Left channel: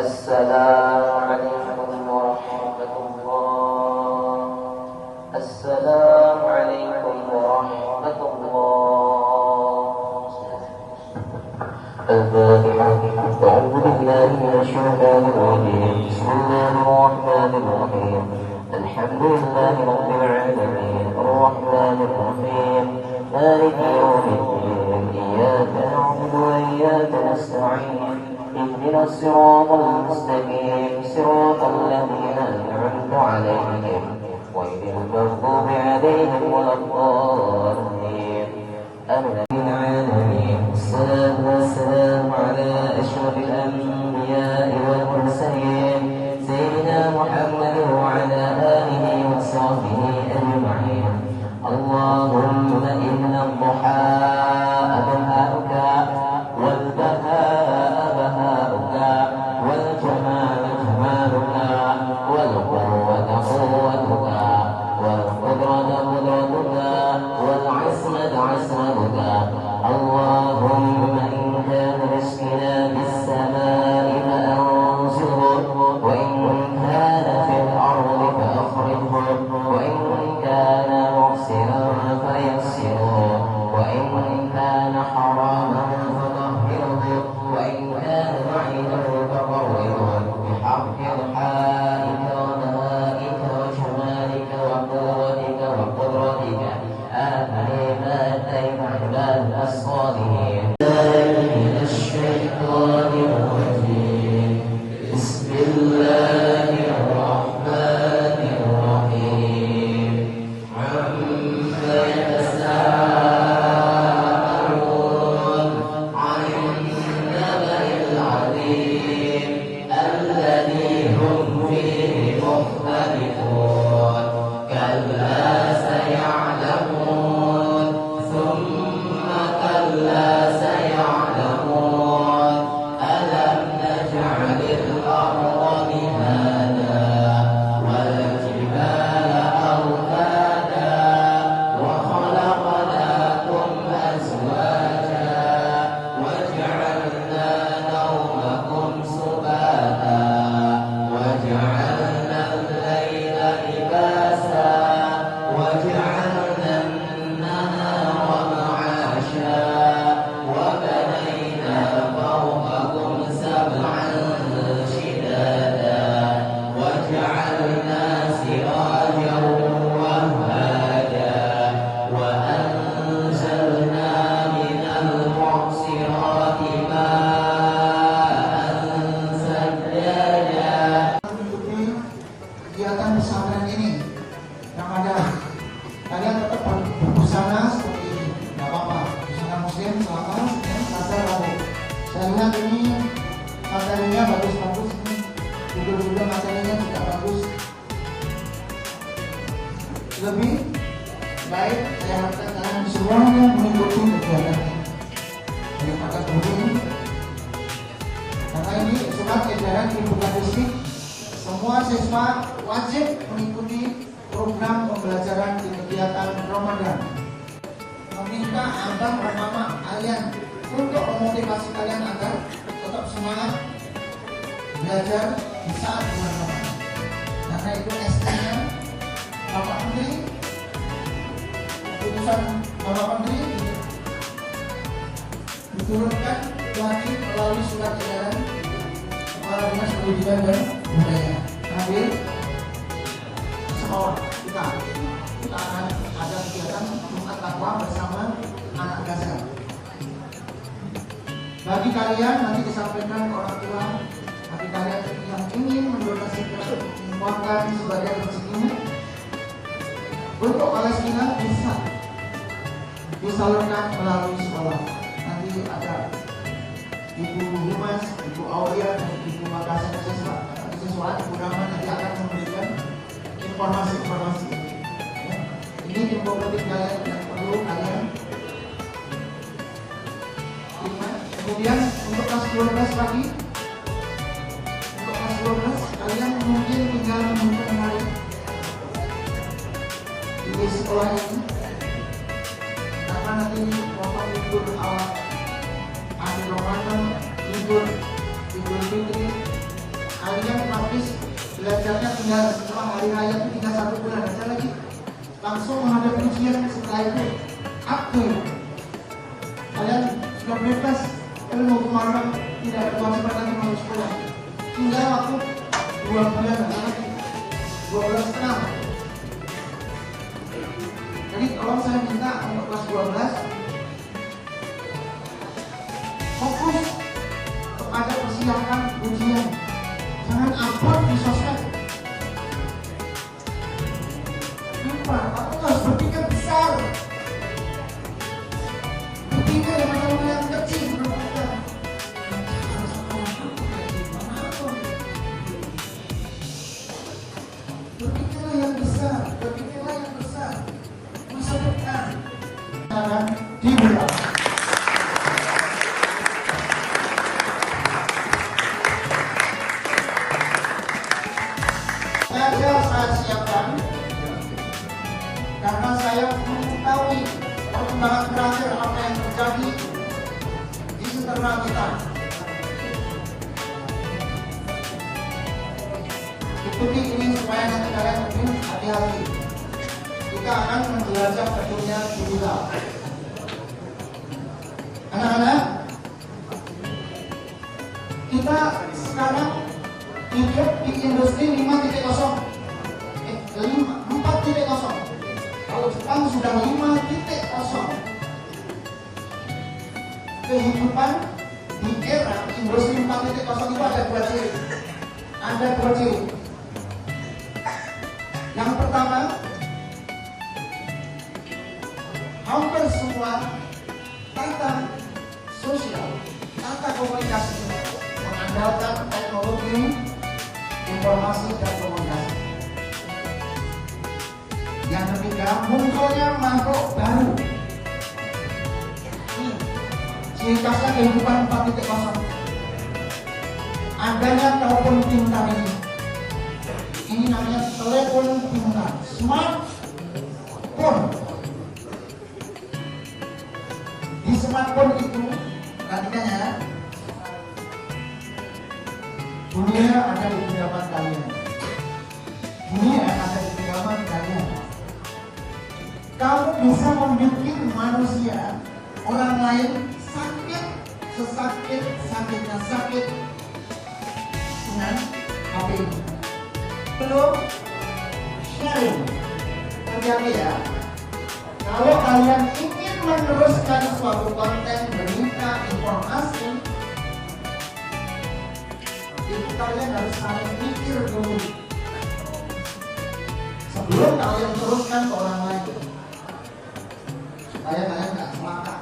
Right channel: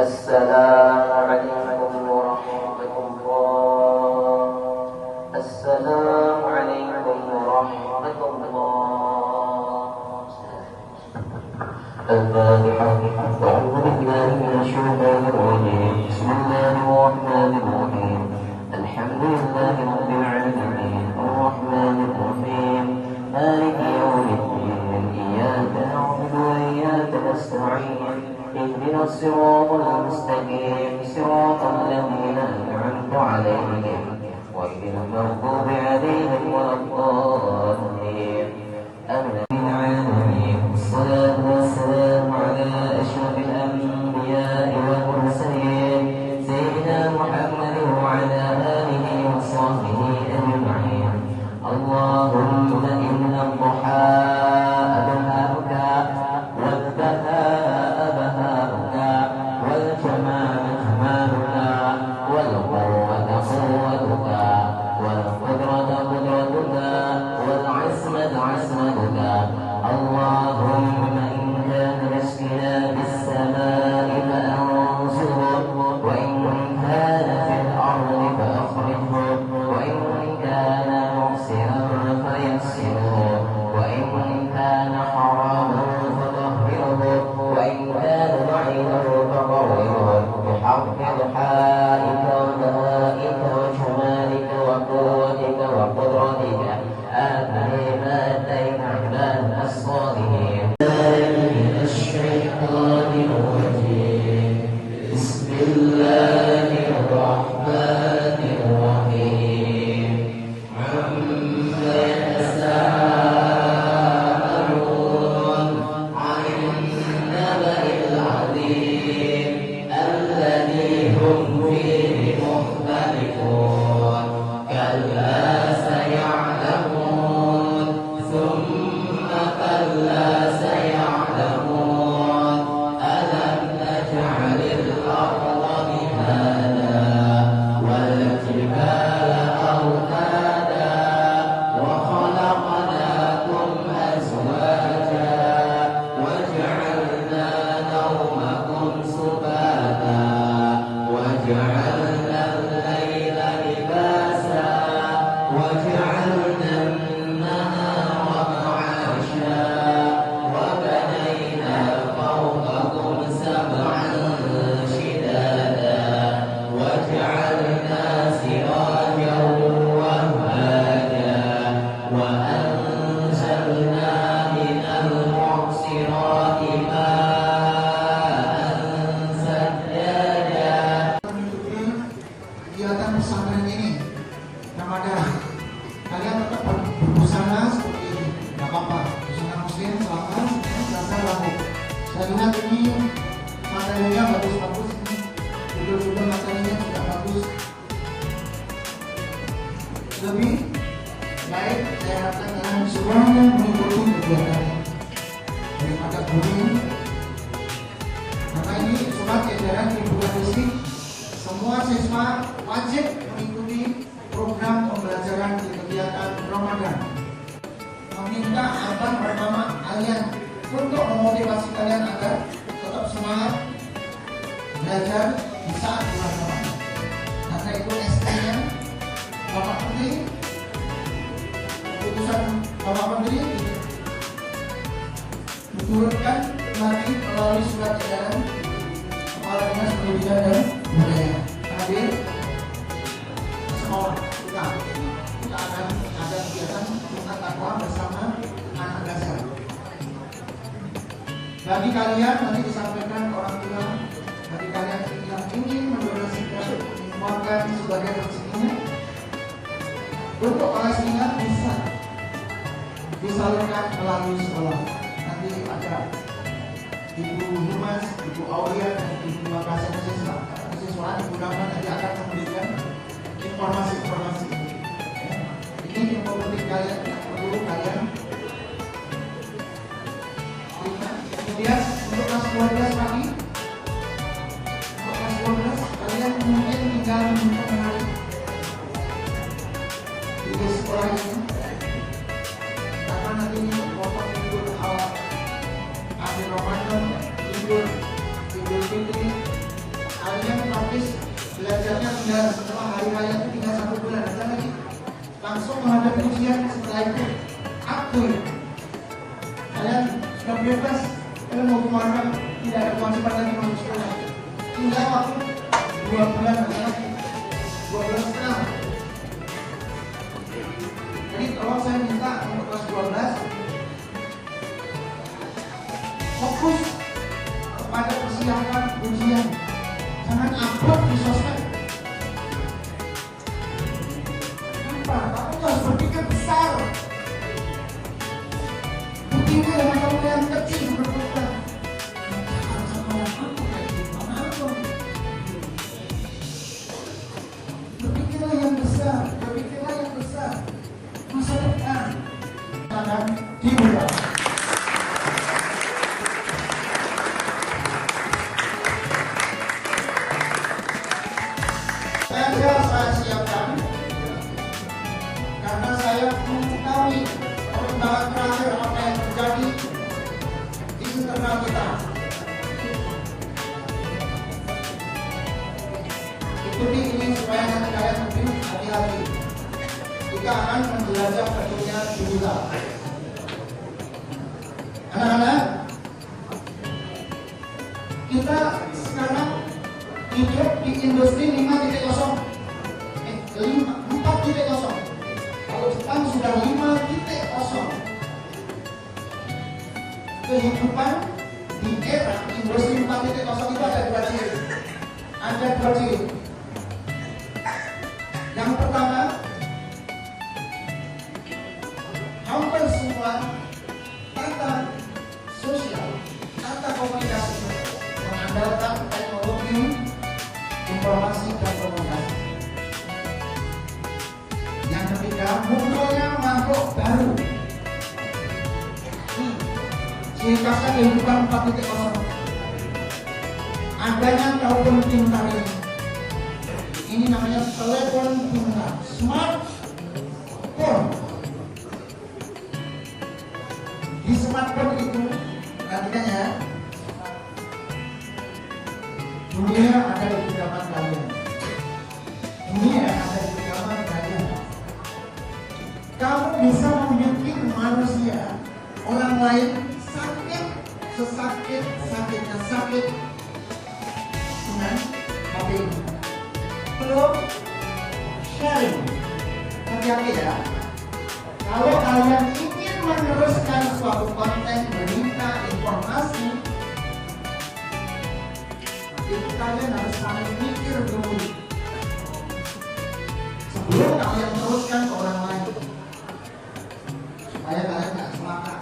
السلام عليكم ورحمة الله. السلام عليكم ورحمة الله. الفاتحة. أعوذ بالله من الشيطان الرجيم. بسم الله الرحمن الرحيم. الحمد لله رب العالمين الرحمن الرحيم مالك يوم الدين. إياك نعبد وإياك نستعين. اهدنا الصراط المستقيم صراط الذين أنعمت عليهم غير المغضوب عليهم ولا الضالين. آمين. الصلاة والسلام على أشرف الأنبياء والمرسلين سيدنا محمد وعلى آله وصحبه أجمعين. اللهم إن الضحى أبهاؤك والبهاء بهاؤك والجمال جمالك والقوة قوتك والقدرة قدرتك والعصمة عصمتك. اللهم إن كان رزقنا بالسماء فأنزله وإن كان في الأرض فأخرجه وإن كان محسنا فيسره وإن كان حراما فطهره وإن كان ضعيفا فقرره بحق الحائك وبهائك وجمالك وقوتك وقدرتك. آمين. ما أتيت عبادك الصالحين. من الشيطان الرجيم. بسم الله الرحمن الرحيم. عما يتساءلون عن النبأ العظيم الذي هم فيه مختلفون. كلا سيعلمون ثم كلا سيعلمون. ألم نجعل الأرض مهادا والجبال أوتادا وخلقناكم أزواجا وجعلنا نومكم سباتا وجعلنا الليل لباسا وجعلنا النهار معاشا وبنينا فوقكم سبعا شدادا وجعلنا سراجا وهاجا وأنزلنا من المعصرات ماء ثجاجا. Kegiatan pesantren ini yang ada kalian tetap berbusana seperti ini, nggak apa-apa. Busana muslim silakan, asal lalu. Saya lihat ini materinya bagus-bagus, judul-judul materinya juga bagus. Lebih baik saya harapkan kalian semuanya mengikuti kegiatan ini daripada begini. Maka ini surat edaran Kemendikbud. Semua siswa wajib mengikuti program pembelajaran di kegiatan Ramadan. Meminta abang bersama kalian untuk memotivasi kalian agar tetap semangat belajar di saat bulan Ramadan. Karena itu ST-nya Bapak Menteri, keputusan Bapak Menteri diturunkan lagi melalui surat edaran Kepala Dinas Pendidikan dan Budaya. Hadir sekolah kita akan ada kegiatan buka takwa bersama anak belajar. Bagi kalian nanti disampaikan orang tua, bagi kalian yang ingin mendonasikan mengeluarkan sebagai rezekinya. Untuk Palestina bisa disalurkan melalui sekolah. Nanti ada Ibu Humas, Ibu Aulia, dan Ibu Makassar siswa Ibu Rahman nanti akan memberikan informasi-informasi. Ya. Ini info penting kalian yang perlu kalian terima. Kemudian untuk kelas 12 lagi, untuk kelas 12 kalian mungkin tinggal menghitung hari di sekolah ini, karena nanti potong libur awal akhir Ramadan, libur Idul Fitri, kalian praktis belajarnya tinggal setelah hari raya itu tinggal 1 bulan aja lagi, langsung menghadapi ujian. Setelah itu aktif, kalian sudah bebas, kalian mau kemana, tidak ada kewajiban lagi untuk sekolah, tinggal waktu 2 bulan lagi, 2 bulan setengah. Jadi tolong saya minta untuk kelas 12 fokus kepada persiapan ujian, jangan upload di sosmed. Kenapa? Kamu harus berpikir besar, berpikir yang lumayan kecil, berpikir yang besar, masa depan akan dimulai. Saya siapkan karena saya mengetahui perkembangan terakhir apa yang terjadi di internal kita. Ikuti ini supaya nanti kalian lebih hati-hati. Kita akan menjelajah ke dunia digital. Anak-anak, kita sekarang hidup di industri 4.0. Kalau Jepang sudah 5.0. Kehidupan di era industri 4.0 itu ada 2 ciri. Ada 2 ciri. Yang pertama, hampir semua tata sosial, tata komunikasi mengandalkan teknologi informasi dan komunikasi. Yang ketiga, munculnya makhluk baru. Ciri khasnya kehidupan 4.0. Adanya telepon pintar ini. Ini namanya telepon pintar, smartphone. Di smartphone itu, perhatikan ya, dunia ada di genggaman kalian. Dunia ada di genggaman kalian. Kamu bisa membimbing manusia, orang lain sakit, sakitnya sakit dengan HP ini. Belum sharing. Hati-hati ya. Kalau kalian ingin meneruskan suatu konten, berita, informasi, itu kalian harus saling mikir dulu sebelum kalian teruskan ke orang lain, supaya kalian tidak celaka.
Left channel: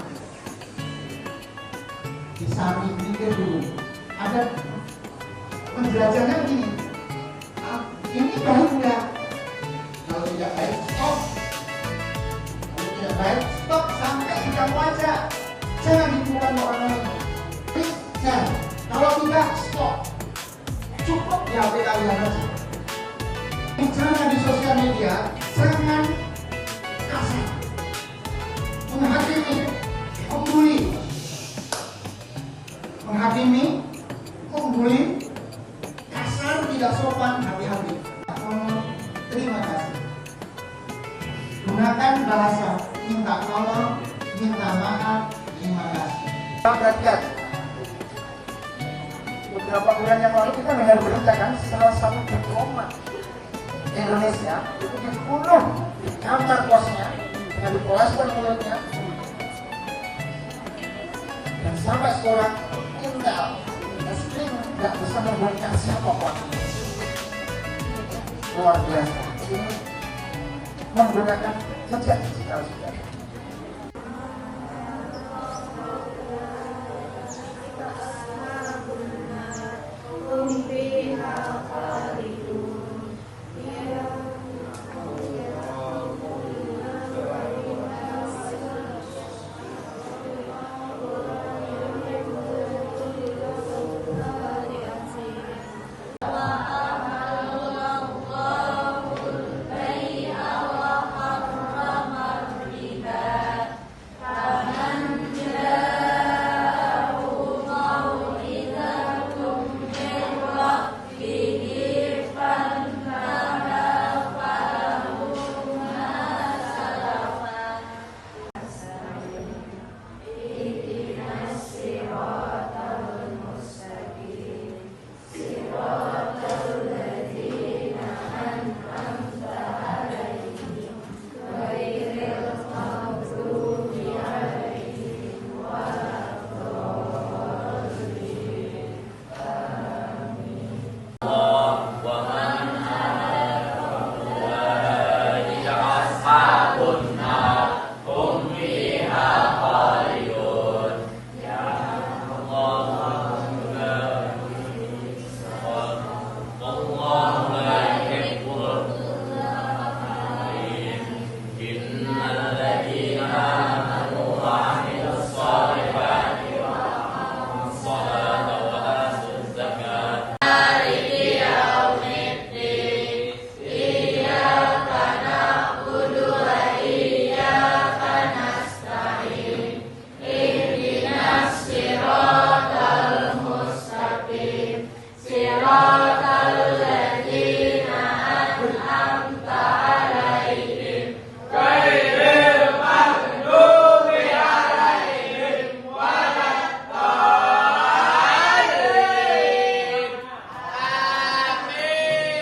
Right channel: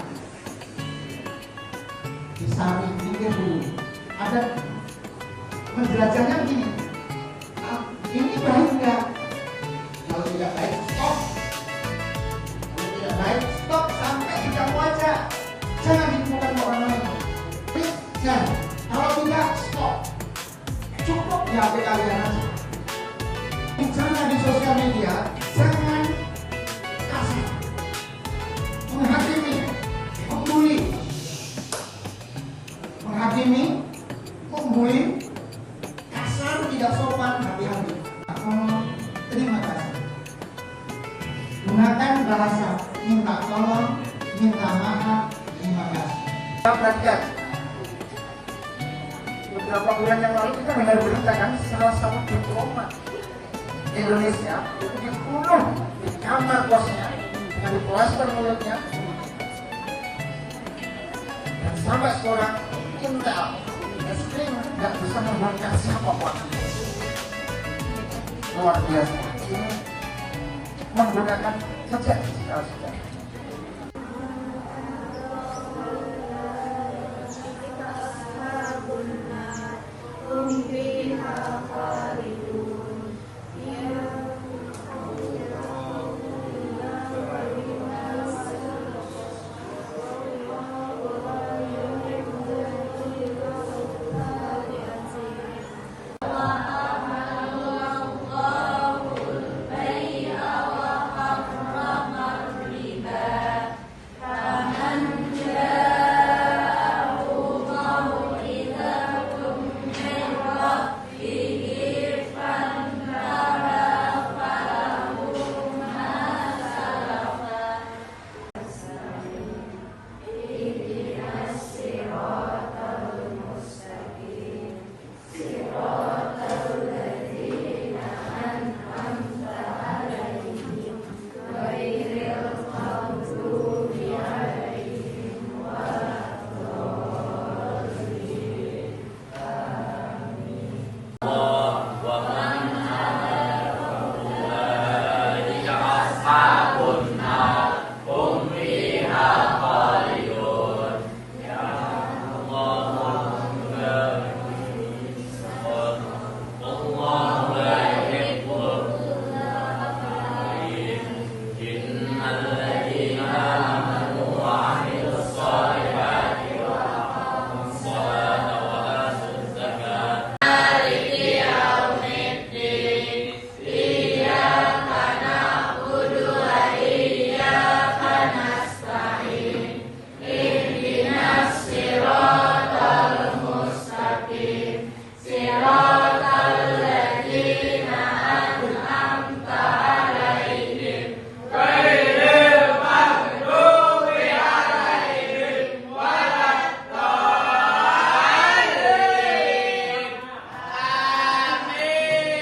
Disaring mikir dulu. Ada penjelasannya begini, ini baik nggak? Kalau tidak baik, stop. Kalau tidak baik, stop sampai di kamu aja. Jangan ditemukan orang lain. Please, jangan. Kalau tidak, stop. Cukup di HP kalian aja. Bicara di sosial media, jangan kasar, menghakimi, membuli, kasar, tidak sopan, hati-hati. Terima kasih. Gunakan bahasa minta tolong, minta maaf, terima kasih. Rakyat, beberapa bulan yang lalu kita dengar berita kan, salah satu diplomat Indonesia itu dibunuh di kamar bosnya, yang dipuaskan mulutnya, dan sampai seorang tinggal istri nggak bisa membuatnya siapa. luar biasa. Menggunakan saja.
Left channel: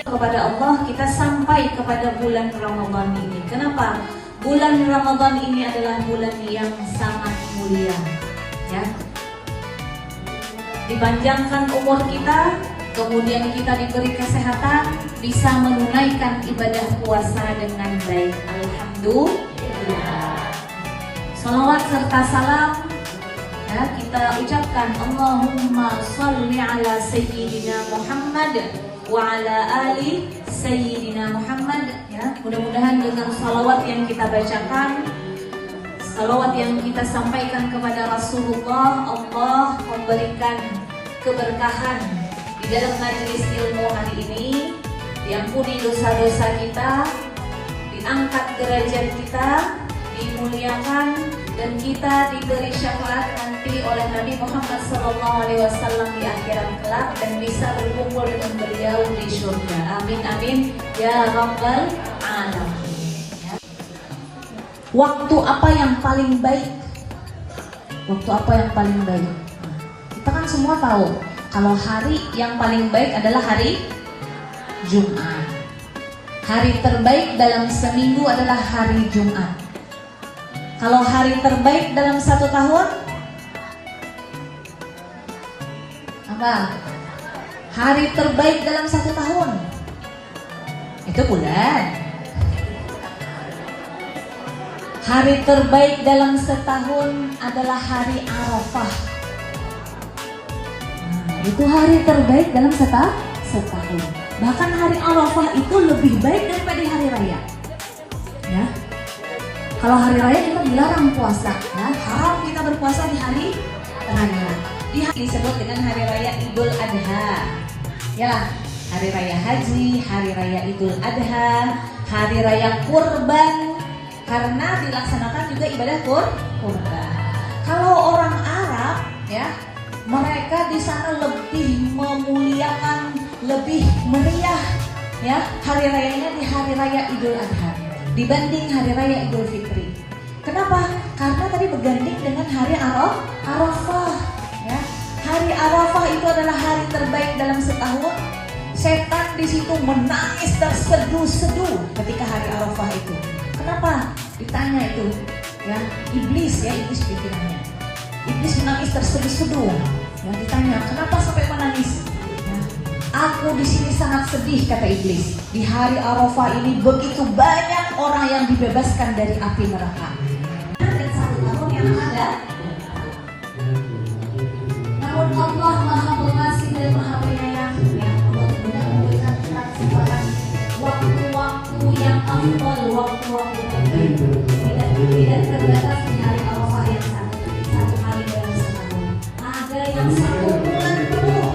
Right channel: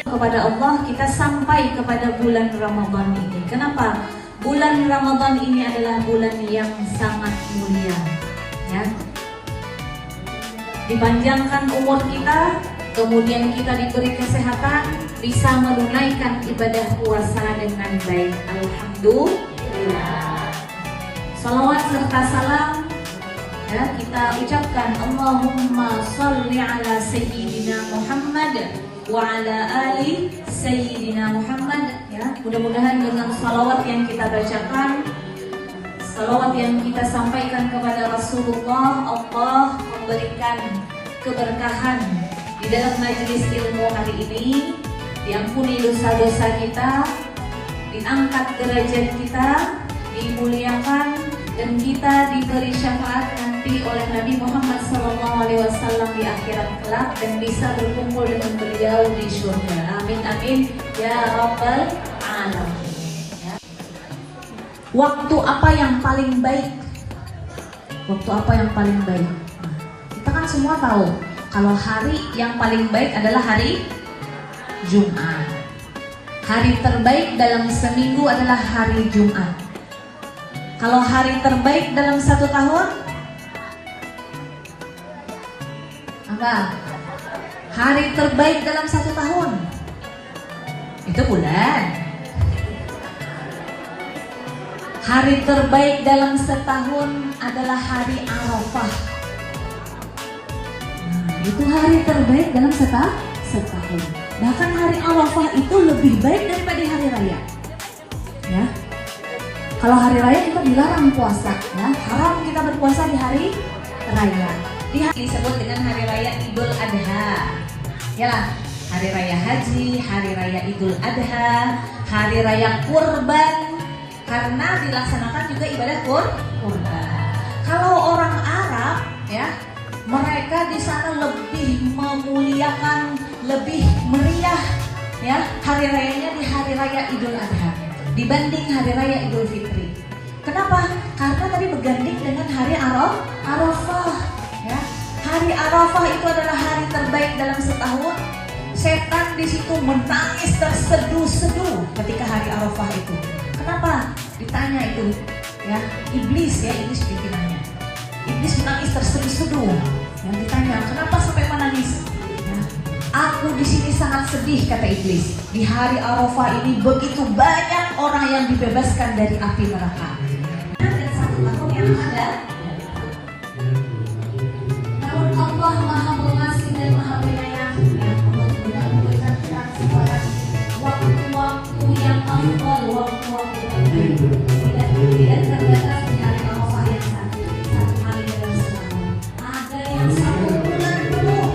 Kepada Allah, kita sampai kepada bulan Ramadan ini. Kenapa? Bulan Ramadan ini adalah bulan yang sangat mulia, ya. Dipanjangkan umur kita, kemudian kita diberi kesehatan, bisa menunaikan ibadah puasa dengan baik. Alhamdulillah. Salawat serta salam, ya, kita ucapkan Allahumma sholli ala Sayyidina Muhammad wa ala ali Sayyidina Muhammad, ya. Mudah-mudahan dengan salawat yang kita bacakan, salawat yang kita sampaikan kepada Rasulullah, Allah memberikan keberkahan di dalam majelis ilmu hari ini, diampuni dosa-dosa kita, diangkat derajat kita, dimuliakan, dan kita diberi syafaat nanti oleh Nabi Muhammad SAW di akhirat kelak, dan bisa berkumpul dengan beliau di surga. Amin amin ya rabbal alamin. Waktu apa yang paling baik? Waktu apa yang paling baik? Kita kan semua tahu kalau hari yang paling baik adalah hari Jumat. Hari terbaik dalam seminggu adalah hari Jumat. Kalau hari terbaik dalam satu tahun, apa? Hari terbaik dalam satu tahun itu bulan. Hari terbaik dalam setahun adalah hari Arafah. Itu hari terbaik dalam setahun. Bahkan hari Arafah itu lebih baik daripada hari raya, ya. Kalau hari raya kita dilarang puasa, ya. Haram kita berpuasa di hari raya. Ini disebut dengan hari raya Idul Adha, ya lah. Hari raya haji, hari raya Idul Adha, hari raya kurban, karena dilaksanakan juga ibadah kurban. Kalau orang Arab, ya, mereka di sana lebih memuliakan, lebih meriah, ya, hari rayanya di hari raya Idul Adha dibanding hari raya Idul Fitri. Kenapa? Karena tadi bergantung dengan hari Arafah, ya. Hari Arafah itu adalah hari terbaik dalam setahun. Setan di situ menangis terseduh-seduh ketika hari Arafah itu. Kenapa? Ditanya itu, ya, iblis pikirannya. Iblis menangis terseduh-seduh. Yang ditanya, kenapa sampai menangis? Ya, aku di sini sangat sedih, kata iblis. Di hari Arafah ini begitu banyak orang yang dibebaskan dari api neraka. Dan satu tahun yang ada, namun Allah Maha Pengasih dan Maha Penyayang yang Allah memberikan kita kesempatan waktu-waktu yang afdal, waktu-waktu terbaik. Tidak terbatas di hari Arafah yang satu hari dalam setahun. Ada yang 1 bulan penuh.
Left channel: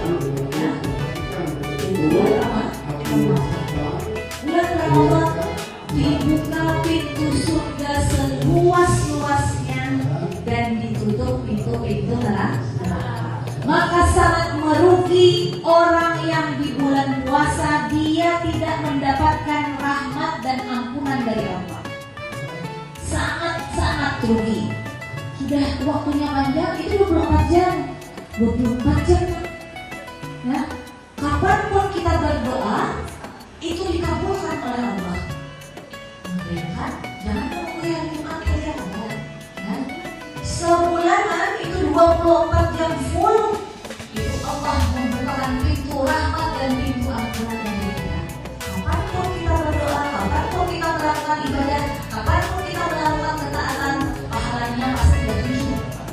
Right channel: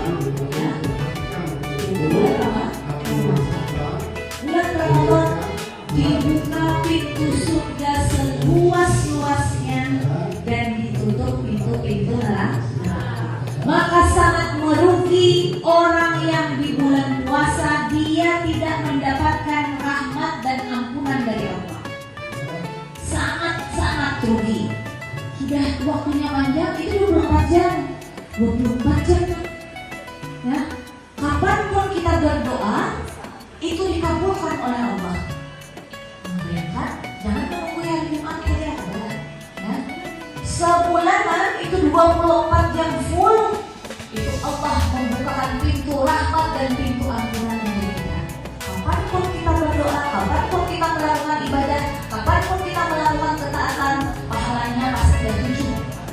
Bulan Ramadan dibuka pintu surga seluas-luasnya dan ditutup pintu-pintu neraka. Maka sangat merugi orang yang di bulan puasa dia tidak mendapatkan rahmat dan ampunan dari Allah. Sangat-sangat rugi. Sudah waktunya panjang, itu 24 jam. 24 jam. Ya. Kapanpun kita berdoa, itu dikabulkan oleh Allah. Lihat, jangan menunggu hari Jumat hari Allah. Ya. Sebulanan itu 24 jam full. Itu Allah membukakan pintu rahmat dan pintu ampunan dari kita. Kapanpun kita berdoa, kapanpun kita melakukan ibadah, kapanpun kita melakukan ketaatan, pahalanya pasti dari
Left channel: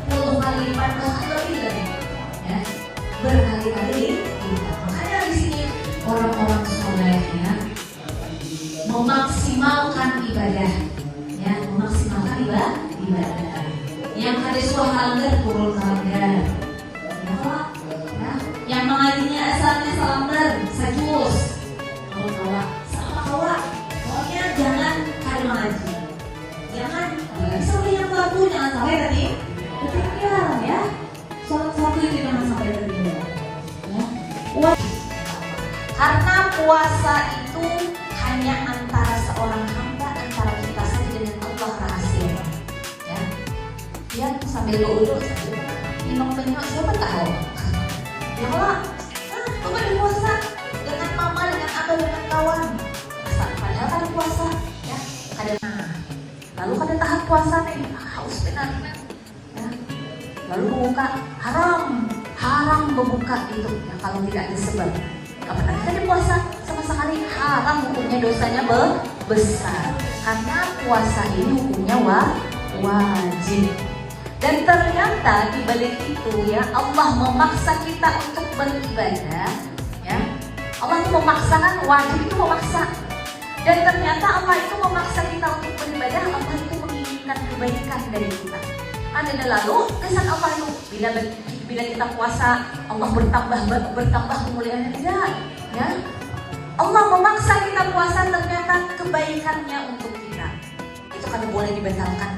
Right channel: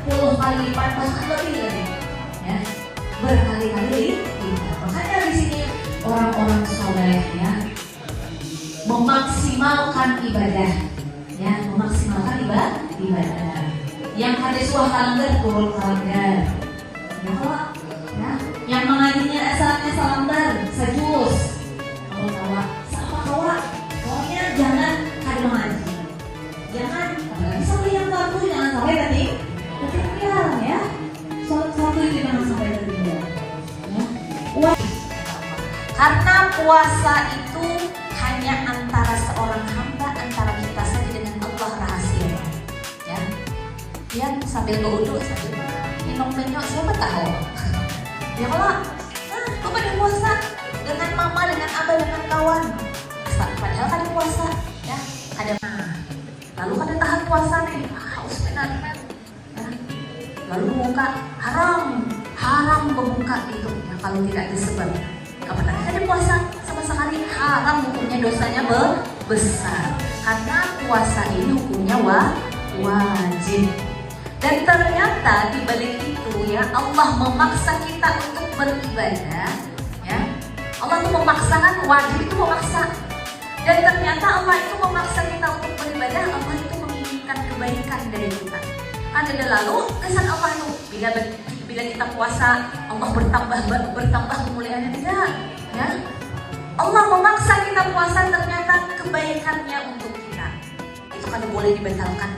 70 kali lipat, bahkan lebih dari. Ya. Berkali-kali lipat. Makanya di sini orang-orang solehnya memaksimalkan ibadah, ya, memaksimalkan ibadah. Yang hadis kalender turun kalender, ya, yang mengajinya asalnya kalender sejus, kalau sama kawan, pokoknya jangan kali mengaji, jangan sampai yang satu, jangan sampai tadi ketinggalan ya, satu itu jangan sampai ketinggalan. Ya. Karena puasa itu hanya antara seorang hamba, antara kita saja dengan Allah rahasia. Ya, dia sambil berwudu, sambil minum minyak, siapa tahu? Ya kalau, kok pada puasa dengan mama, dengan abah, dengan kawan, padahal pada puasa, ya ada. Lalu pada tahan puasa nih, harus dengan, lalu buka haram membuka itu ya, kalau tidak disebut. Apakah ada puasa sama sekali haram, hukumnya dosanya besar. Karena puasa ini hukumnya wajib. Dan ternyata di balik itu ya Allah memaksa kita untuk beribadah. Ya, Allah itu memaksakan, wajib itu memaksa. Dan ternyata Allah itu memaksa kita untuk beribadah. Allah itu menginginkan kebaikan dari kita. Ada lalu kesan Allah itu bila kita puasa Allah bertambah kemuliaan enggak, ya? Allah memaksa kita puasa ternyata kebaikannya untuk kita. Itu kan boleh dibatalkan.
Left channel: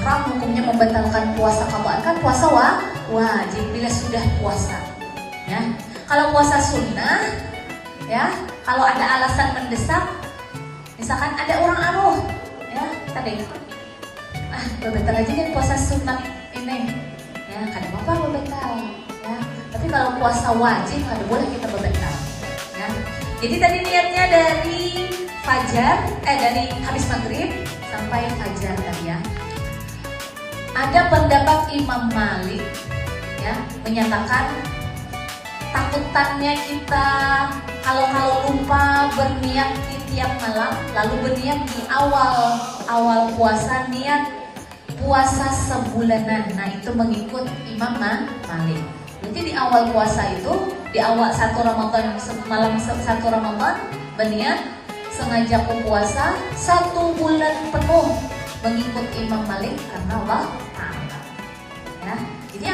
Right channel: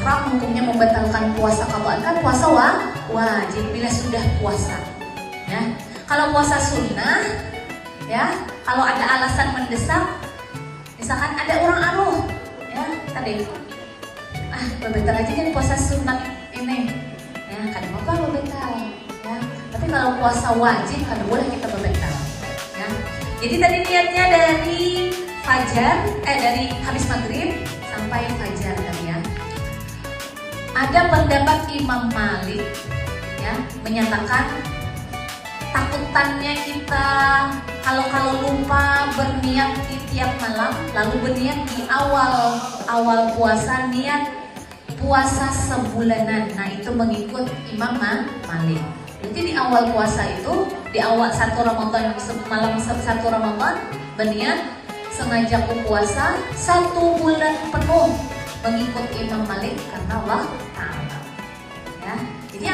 Haram hukumnya membatalkan puasa. Kalau akan puasa wajib bila sudah puasa. Ya, kalau puasa sunnah, ya, kalau ada alasan mendesak, misalkan ada orang ya, tadi, bebentar aja kan puasa sunnah ini. Kalau puasa wajib kan boleh kita berbentar, ya. Jadi tadi niatnya dari fajar, dari habis maghrib sampai fajar ya. Ada pendapat Imam Malik, ya, menyatakan takutannya kita kalau lupa berniat di tiap malam, lalu berniat di awal puasa, niat puasa sebulanan. Nah itu mengikut Imam Malik. Jadi di awal puasa itu, di awal 1 Ramadan, malam 1 Ramadan, berniat sengaja berpuasa 1 bulan penuh mengikut Imam Malik karena Allah. Ya, jadi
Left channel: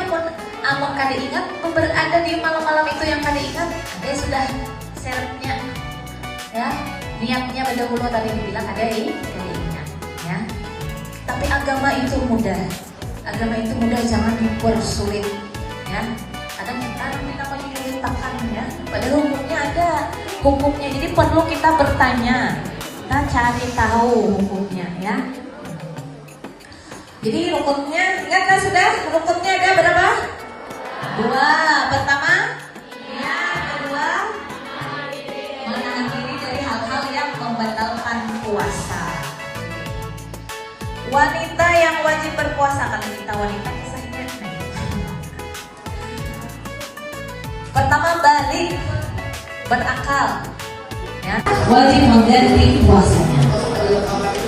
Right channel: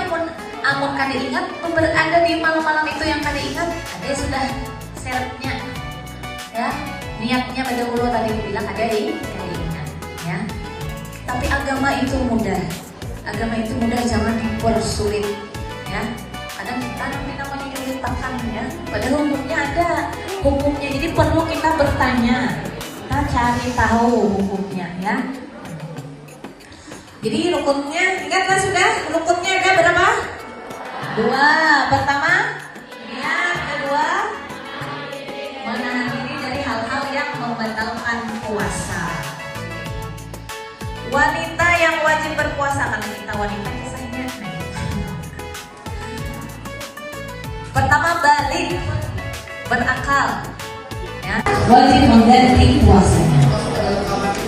apa kali ingat berada di malam-malam itu yang kali ingat, ada sudah syaratnya, ya, niatnya pada dulu tadi bilang ada ingat, ya. Tapi agama itu mudah, jangan dipersulit. Hukumnya ada, hukumnya jadi perlu kita bertanya, kita cari tahu hukumnya ya. Jadi rukunnya, ingat kan sudah? Rukunnya ada berapa? 2. Pertama, ya, kedua, menahan diri dari hal-hal yang membatalkan puasa. Wanita yang wajib berpuasa, kalau kita wanita bisa ingat. Pertama, balik, berakal. wajib mengganti puasanya.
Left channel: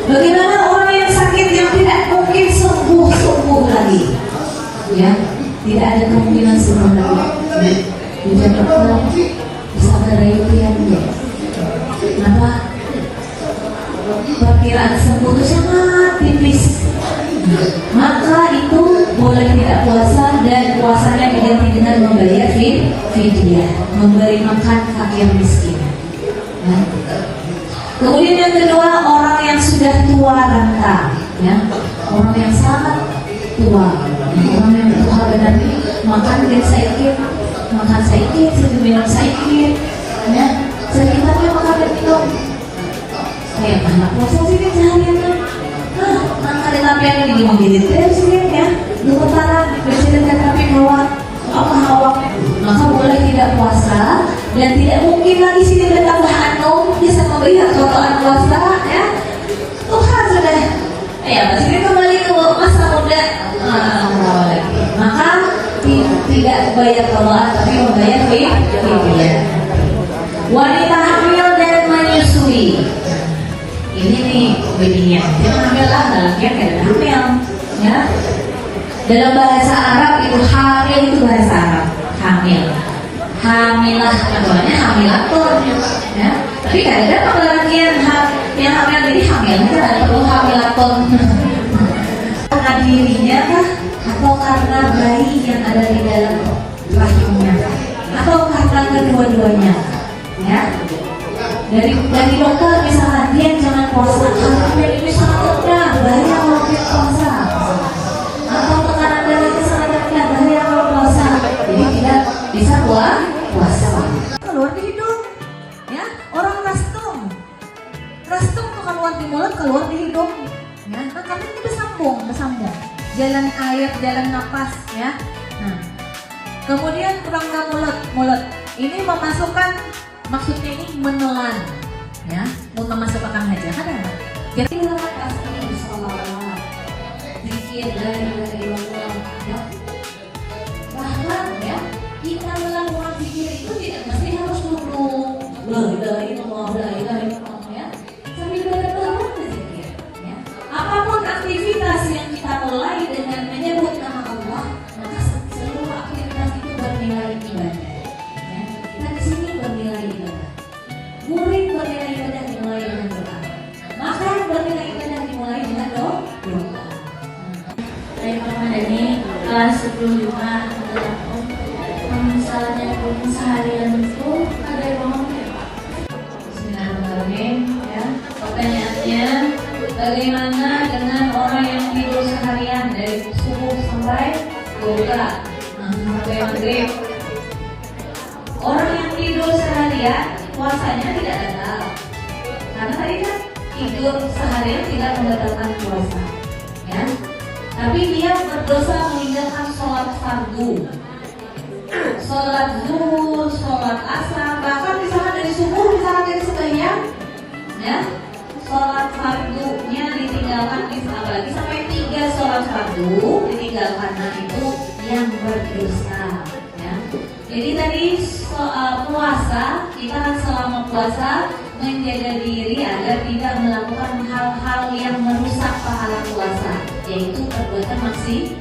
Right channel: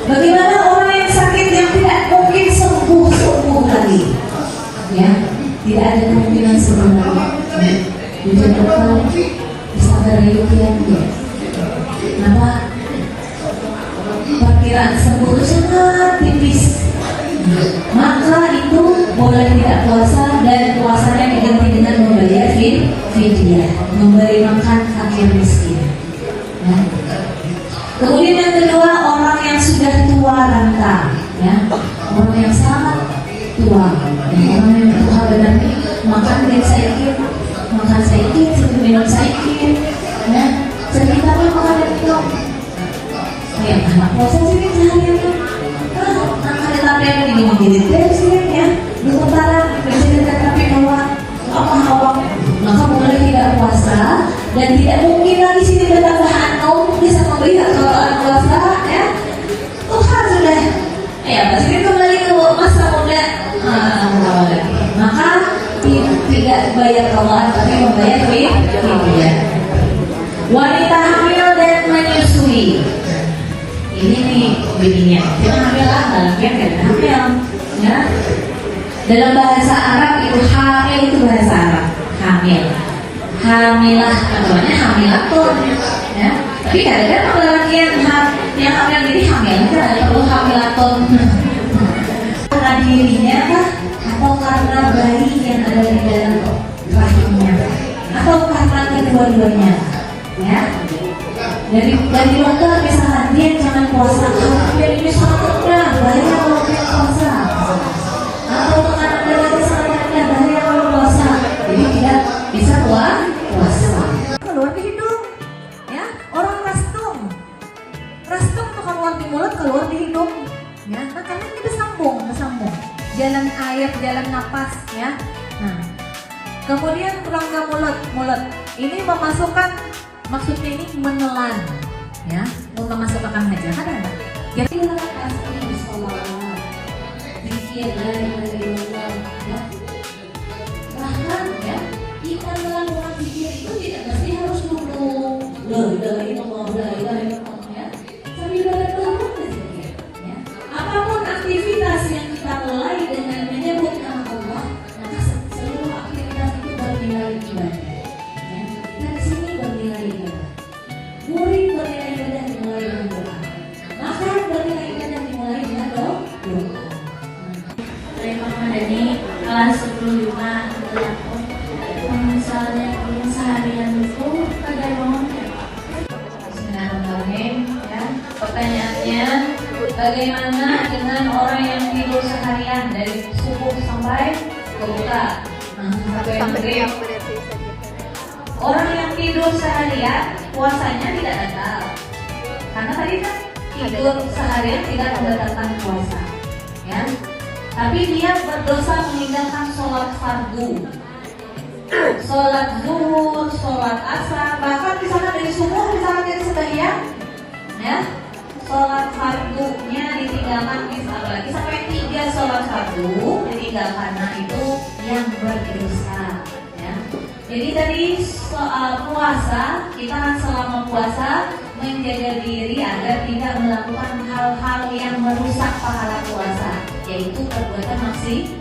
Bagaimana orang yang sakit yang tidak mungkin sembuh lagi? Ya, tidak ada kemungkinan sembuh lagi. Jadi dokter bisa berayuan dia. Kenapa? Perkiraan sembuh itu sangat tipis. Maka itu boleh tidak puasa dan puasanya diganti dengan membayar fidyah, memberi makan fakir miskin. Ya. Kemudian yang kedua, orang yang sudah tua renta, ya, orang yang sangat tua, orang yang tua benar, makan dia sedikit, minum sedikit, ya, sekitarnya makan minum. Ya, anak puasa sih sehari-hari. Ada sampai yang menjadi terus ya, berputaran bercerita tapi bahwa hawa, maka boleh tidak puasa dan tidak mungkin lagi sini bertambah antum bisa melihat keutamaan puasa ya. Tuhan sudah ya masih kembali ke masa muda, maka tidak bayar keutamaan tapi membayar fidyah. Wanita hamil dan menyusui. Ini nih bedanya, kita hamil lah, bagian dari hamil, ya. Dalam bahasa Arab itu hamil itu bahasa Arab, hamilah, namanya hamilatun, ya. Tapi kadang-kadang apalagi yang hamil jadi hamil itu ada perlu hamilatun. Karena dirinya kah, atau karena bayi yang ada di dalam rahimnya, atau karena kedua-duanya, ya. Dari dokter misalkan dia jangan puasa karena ini sangat rendah, bahaya kalau dia puasa, atau tekanan darahnya sangat rendah, bahaya kalau puasa, jadi tidak bisa puasa. Keluar di hidung, ya, orang rastung tuh keluar di mulut, keluar di hidung, ya, maka itu sambung, jalan air, jalan nafas, ya. Nah, kemudian rongga mulut, ini memasukkan. Maksudnya ini menelan, ya, mau memasukkan aja kan? Jadi lewat asli sholat, zikir dari Allah, ya. Bahkan ya, kita melakukan zikir itu tidak mesti harus duduk, la ilaha illallah, ya. Sambil berdoa berzikir, ya. Apapun aktivitas yang kita mulai dengan menyebut nama Allah, maka seluruh aktivitas itu bernilai ibadah. Murid bernilai ibadah dimulai dengan doa. Makan bernilai ibadah dimulai dengan doa. Saya Muhammadani kelas 10 Jumat misalnya punya seharian itu ada mau. Bismillahirrahmanirrahim. Ya, pertanyaannya, bagaimana dengan orang yang tidur seharian dari subuh sampai berbuka? Sampai maghrib. Orang yang tidur seharian puasanya tidak batal, karena tadi kan tidur seharian tidak membatalkan puasa, ya. Tapi dia berdosa meninggalkan sholat fardu, sholat zuhur, sholat asar, bahkan misalkan dari subuh, misalkan dari sembahyang, ya, sholat fardunya ditinggalkan, apalagi sampai 3 sholat fardu ditinggalkan, nah itu yang berdosa, ya. Jadi tadi soal puasa, kita kan selama puasa menjaga diri agar tidak melakukan hal-hal yang merusak pahala puasa, yaitu perbuatan maksiat.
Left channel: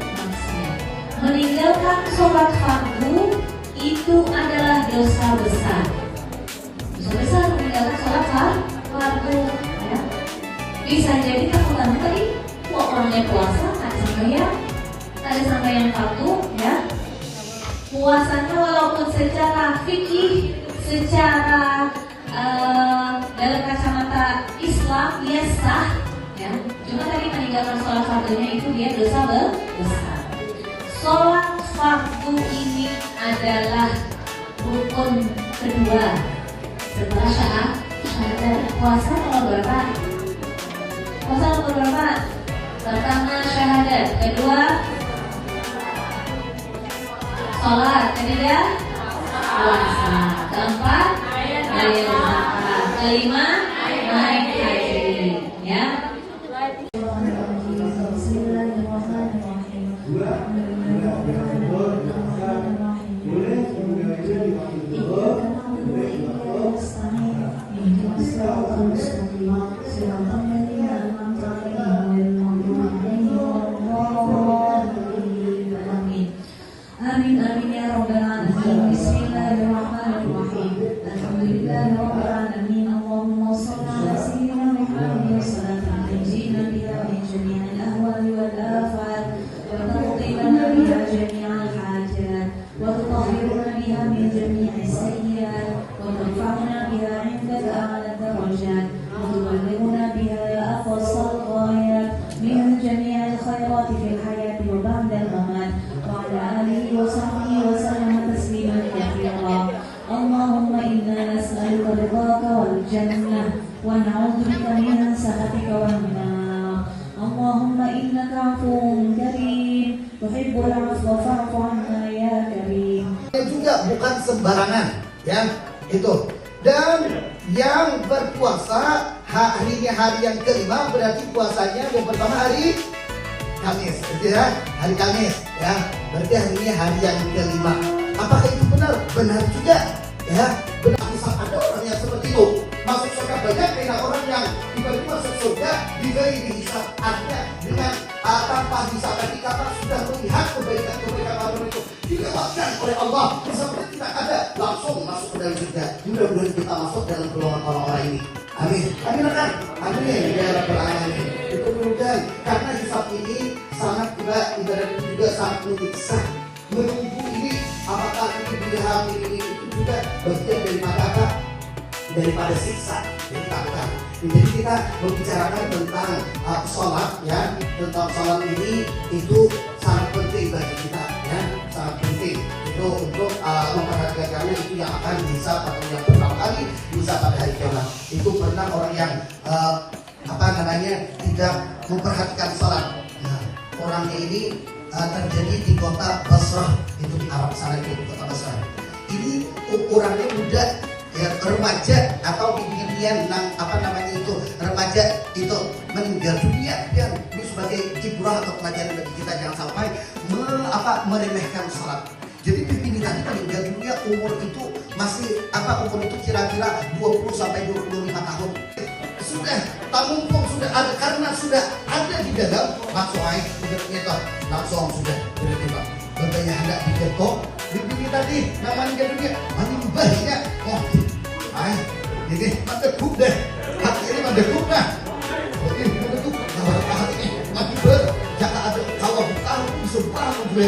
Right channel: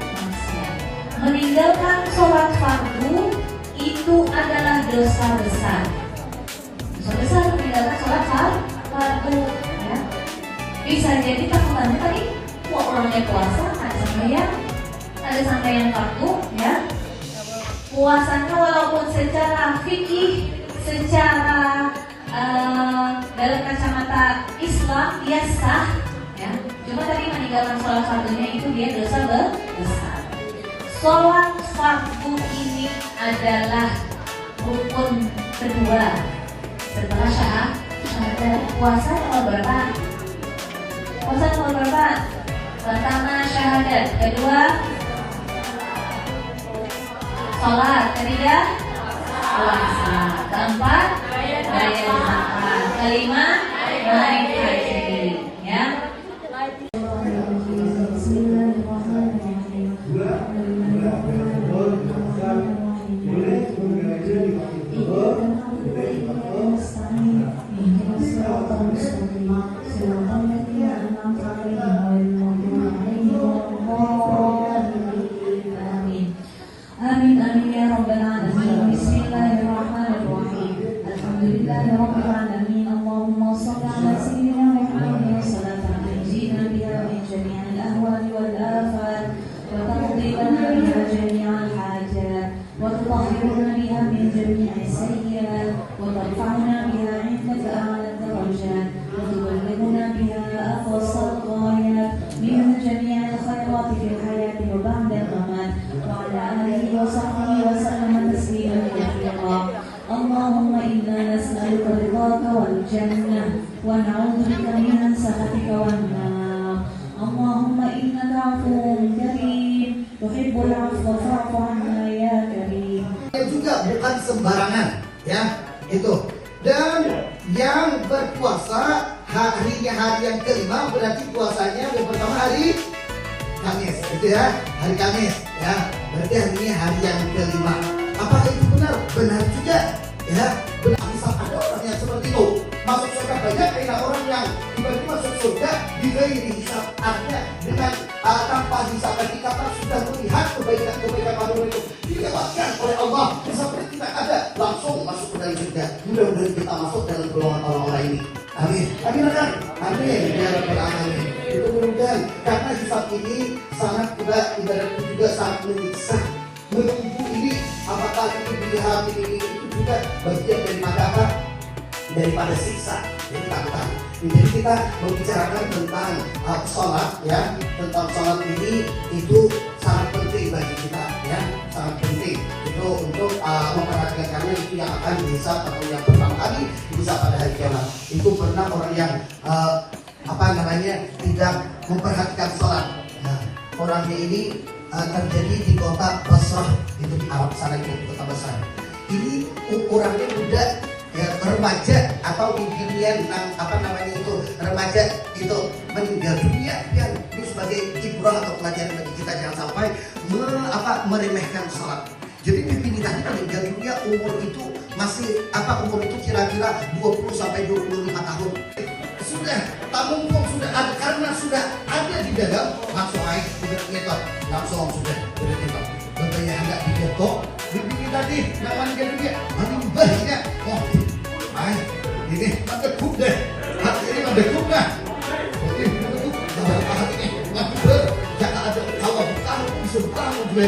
Meninggalkan sholat fardu itu adalah dosa besar. Dosa besar meninggalkan sholat fardu, ya. Bisa jadi kamu tadi, kok orangnya puasa, ada sembahyang fardu, ya. Puasanya walaupun secara fikih, secara dalam kacamata Islam ya sah, ya. Cuma tadi meninggalkan sholat fardunya itu dia dosa besar. Sholat fardu ini adalah rukun kedua setelah syahadat. Puasa nomor berapa? Puasa nomor berapa? Pertama syahadat, kedua sholat, ketiga puasa, keempat bayar zakat, kelima naik haji, ya. Bismillahirrahmanirrahim. المستقيم صراط الذين أنعمت عليهم غير المغضوب عليهم ولا الضالين آمين آمين آمين يا رب العالمين بسم الله الرحمن الرحيم الحمد لله رب العالمين اللهم صل على سيدنا محمد صلاة تنجينا بها من جميع الأهوال والآفات وتقضي لنا بها جميع الحاجات وتطهرنا بها من جميع السيئات وترفعنا بها عندك أعلى الدرجات وتبلغنا بها أقصى الغايات من جميع الخيرات في الحياة وبعد الممات وعلى آله وصحبه وسلم تسليما كثيرا اللهم إنا نسألك رضاك والجنة ونعوذ بك من سخطك والنار اللهم إنك عفو كريم تحب العفو فاعف عنا يا كريم. Juga bukan sembarangan, ya itu. Dan yang berpuasa harinya hari yang kelima berarti puasanya yang pertama hari Kamis, gitu ya, hari Kamis, ya. Berarti hari ini hari yang kelima. Apakah itu benar? Benar juga, ya. Benar. Bisa ada orang yang seperti itu. Masuk surga banyak dengan orang yang tiba-tiba masuk surga diberi hisab Anda dengan tanpa hisab ketika sudah melihat kebaikan-kebaikan baru itu dilewatkan oleh Allah seperti tidak ada langsung masuk ke dalam surga. Mudah-mudahan kita masuk dalam golongan orang-orang ini. Amin. Amin kan? Amin. Ya Rabbal Alamin. Itu mudah karena hisab ini sangat juga sangat menyiksa. Menunggu ini apakah ini dilihat ini itu juga bagian daripada apa? Daripada siksa. Jadi kita membicarakan tentang sholat, ya, tentang sholat ini itu sangat penting bagi kita, ya, sangat penting itu untuk memperhatikan karena itu yang akan bisa pada yang pertama kali bisa pada hari kiamat. Itu pernah orang yang tidak memperhatikan sholat. Nah, orang ini terjadi di kota Basrah, itu di Arab sana, di kota Basrah. Ini ukurannya muda, ya, remaja atau beginian remaja itu meninggal dunia, biar itu sebagai ibrah atau pelajaran bagi kita jangan sampai meremehkan sholat. Jadi pimpin tadi meninggal dunia umur itu umur itu kira-kira 20 sampai 25 tahun. Sudah tamumpung sudah ada karena sudah ada di dalam langsung air sudah nyetor langsung sudah nyetor. Bapaknya hendak dipotong pimpin tadi namanya dunia banyak. Ini mendekuk deh, hati ini mendekuk dah. Ini mendekuk, hati ini mendekuk. Jangan ada kalau bertahan bisa bertahan gue.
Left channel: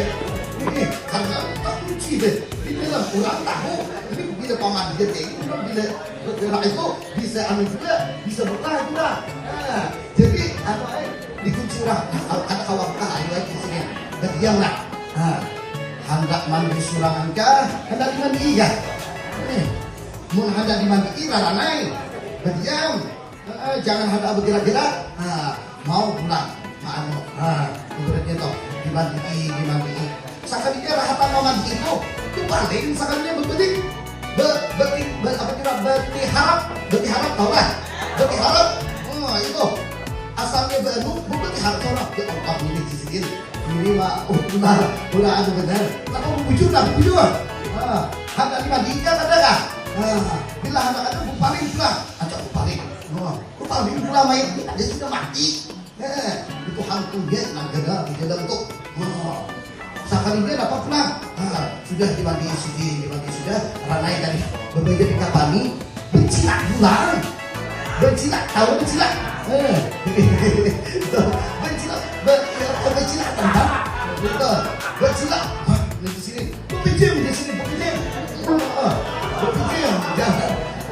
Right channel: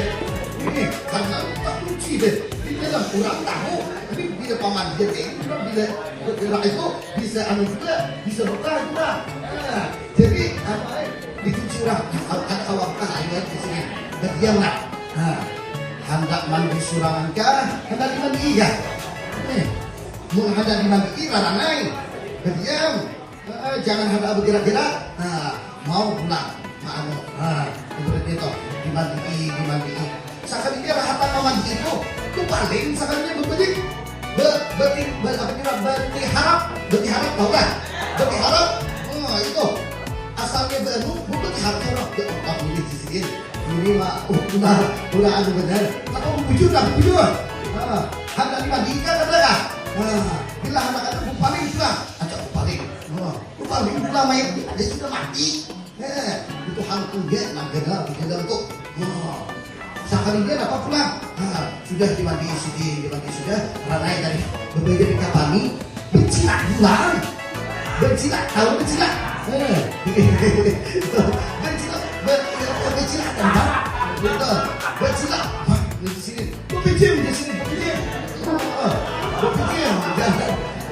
Ini karena tak kunci deh. Ini lah kurang tahu. Ini bila paman dia bila bergerak itu bisa juga bisa bertahan juga. Nah, jadi apa? Dikunci orang. Ada kawan ayat di sini. Berdiamlah. Nah, hendak mandi surangan kah? Hendak mandi iya. Menghadap di mandi larang naik, berdiam, jangan ada bergerak-gerak. Mau pulang, itu dimandi. Sekalinya rahatan memandi itu paling sekalinya berharap tahu kan? Berharap, itu asalnya berharap orang berangkat ini di sini. Ini mah udah ada benar. Atau bujur. Hendak dimandi kan ada kan? Bila anak-anak bupaling juga, acak bupaling juga main dia sudah mati. Itu hantu dia negara di dalam itu. Sekali dia dapat pulang. Sudah dimandi sudah. Ranai tadi berbeda dengan Bani. Bencilak bulan. Bencilak tahu bencilak. Bencilak tempat. Betul. Bencilak. Di sini. Berpikir di sini.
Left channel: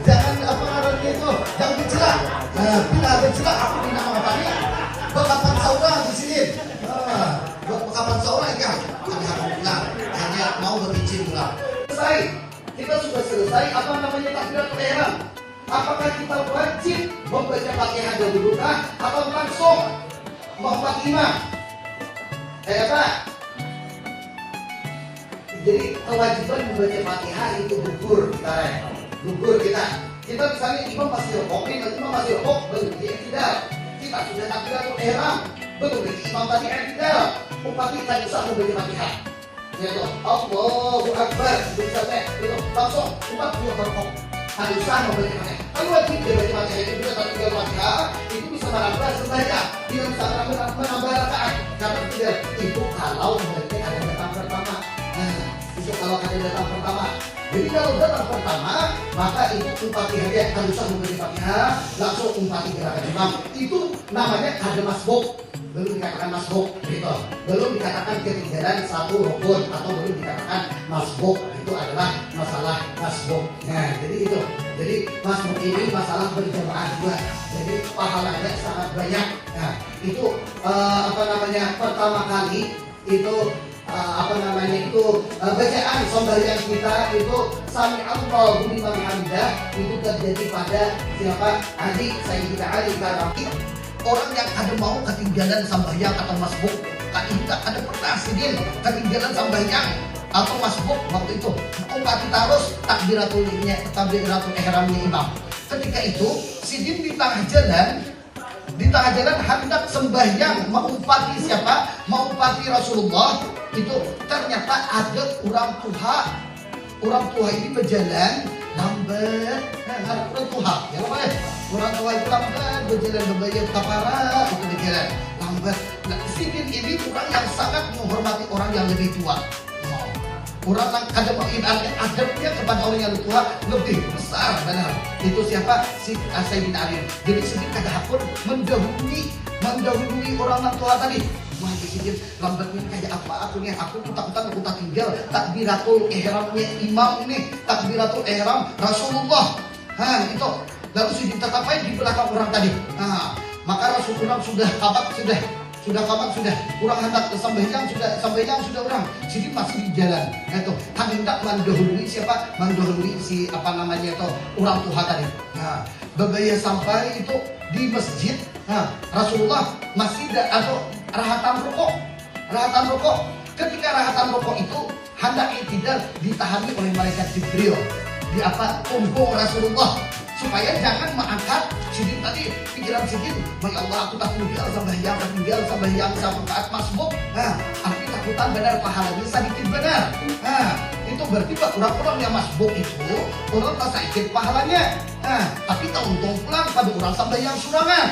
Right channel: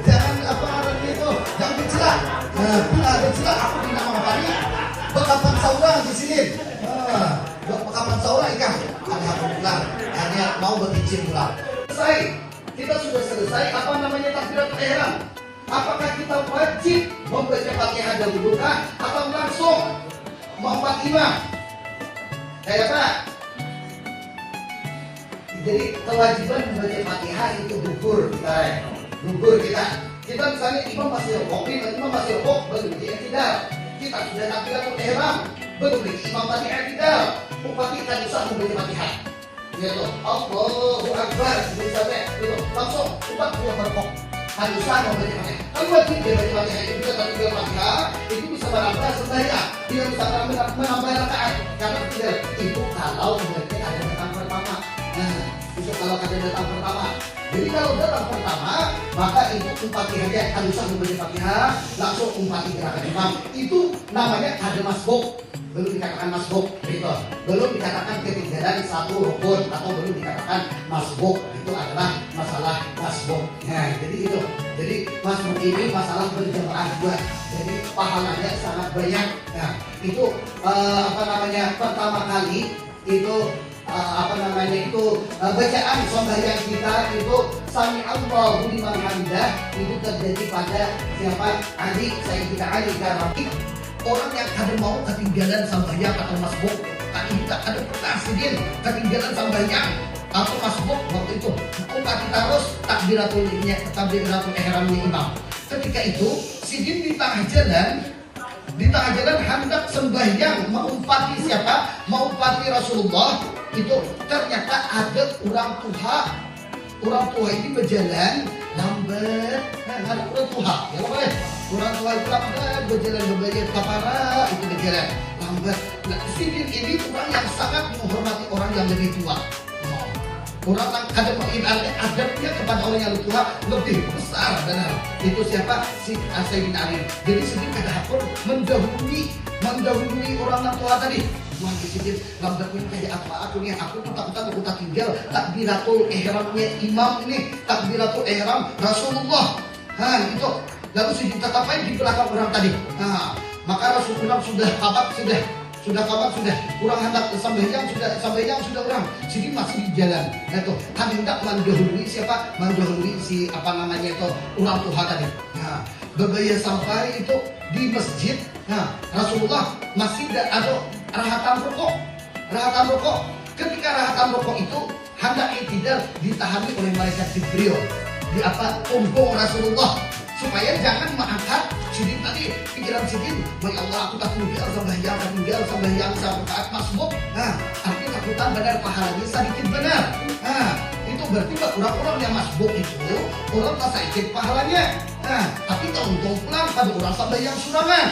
Jangan apa namanya itu, jangan bercelak. Bila bercelak, aku tidak mau apa nih. Bekapan saudara di sini. Bekapan saudara kan? Hanya mau berbicara juga. Selesai, kita sudah selesai. Apa namanya takbiratul ihram? Apakah kita wajib membaca Fatihah dahulu atau langsung membaca imam? Kayak apa? Jadi kewajiban membaca Fatihah itu gugur kita. Kita misalnya imam masih rukuk, baru kita tidak. Kita sudah takbiratul ihram, baru imam tadi tidak. Upati kan usah membaca Fatihah. Ya toh, Allahu Akbar, sampai langsung umat dia berkok. Harusnya membaca Fatihah. Kedua tiga Fatihah itu atau tiga Fatihah itu bisa menambah sembahyang, dia bisa menambah rakaat. Karena itu kalau mereka ada datang pertama. Nah, itu kalau ada datang pertama. Jadi kalau datang pertama, maka itu Fatihah dia harus membaca Fatihah langsung umpati gerakan imam. Itu namanya ada masbuk. Belum dikatakan masbuk, gitu. Belum dikatakan ketinggalan satu rukun atau belum dikatakan masbuk. Itu adalah masalah masbuk. Nah, jadi itu. Jadi masbuk ini masalah berjamaah juga. Jadi pahalanya sangat banyak. Nah, itu pertama kali itu bacaan sembahyang kita itu sami Allahu liman hamidah itu terjadi pada siapa? Adik Sayyidina Ali Karawi. Orang yang ada mau ketinggalan sembahyang atau masbuk, tidak ada pernah sedih ketinggalan sembahyang atau masbuk waktu itu umat terus takbiratul ihramnya imam. Ketika itu sidin di tengah jalan hendak sembahyang mengumpati siapa? Mengumpati Rasulullah. Itu ternyata ada orang tua ini berjalan lambat. Ada orang tua, ya boleh. Orang tua itu lambat berjalan berbagai kapara itu berjalan lambat. Nah, sidin ini orang yang sangat menghormati orang yang lebih tua. Orang yang adabnya kepada orang yang tua lebih besar, benar. Itu siapa? Si Sayyidina Ali. Jadi sedikit ada hakun mendahului orang tua tadi. Wah, sedikit lambat ini kayak apa? Aku tak tinggal takbiratul ihramnya imam ini, takbiratul ihram Rasulullah. Itu. Lalu sedikit apa di belakang orang tadi. Maka Rasulullah sudah kurang hendak sambayang sudah orang sedikit masih di jalan. Itu hendak mendahului siapa? Mendahului si itu orang tua tadi. Berbaya sampai itu di masjid. Rasulullah masih ada rahatan rokok. Ketika rahatan rokok itu hendak tidak ditahani oleh malaikat Jibril di punggung Rasulullah supaya jangan mengangkat sidin tadi pikiran sidin. Ya Allah, aku tak tinggal sembahyang sampai saat masbuk. Tapi takutan benar pahalanya sedikit benar. Itu berarti orang-orang yang masbuk itu orang tak sedikit pahalanya. Tapi untung pulang pada orang sembahyang surangan.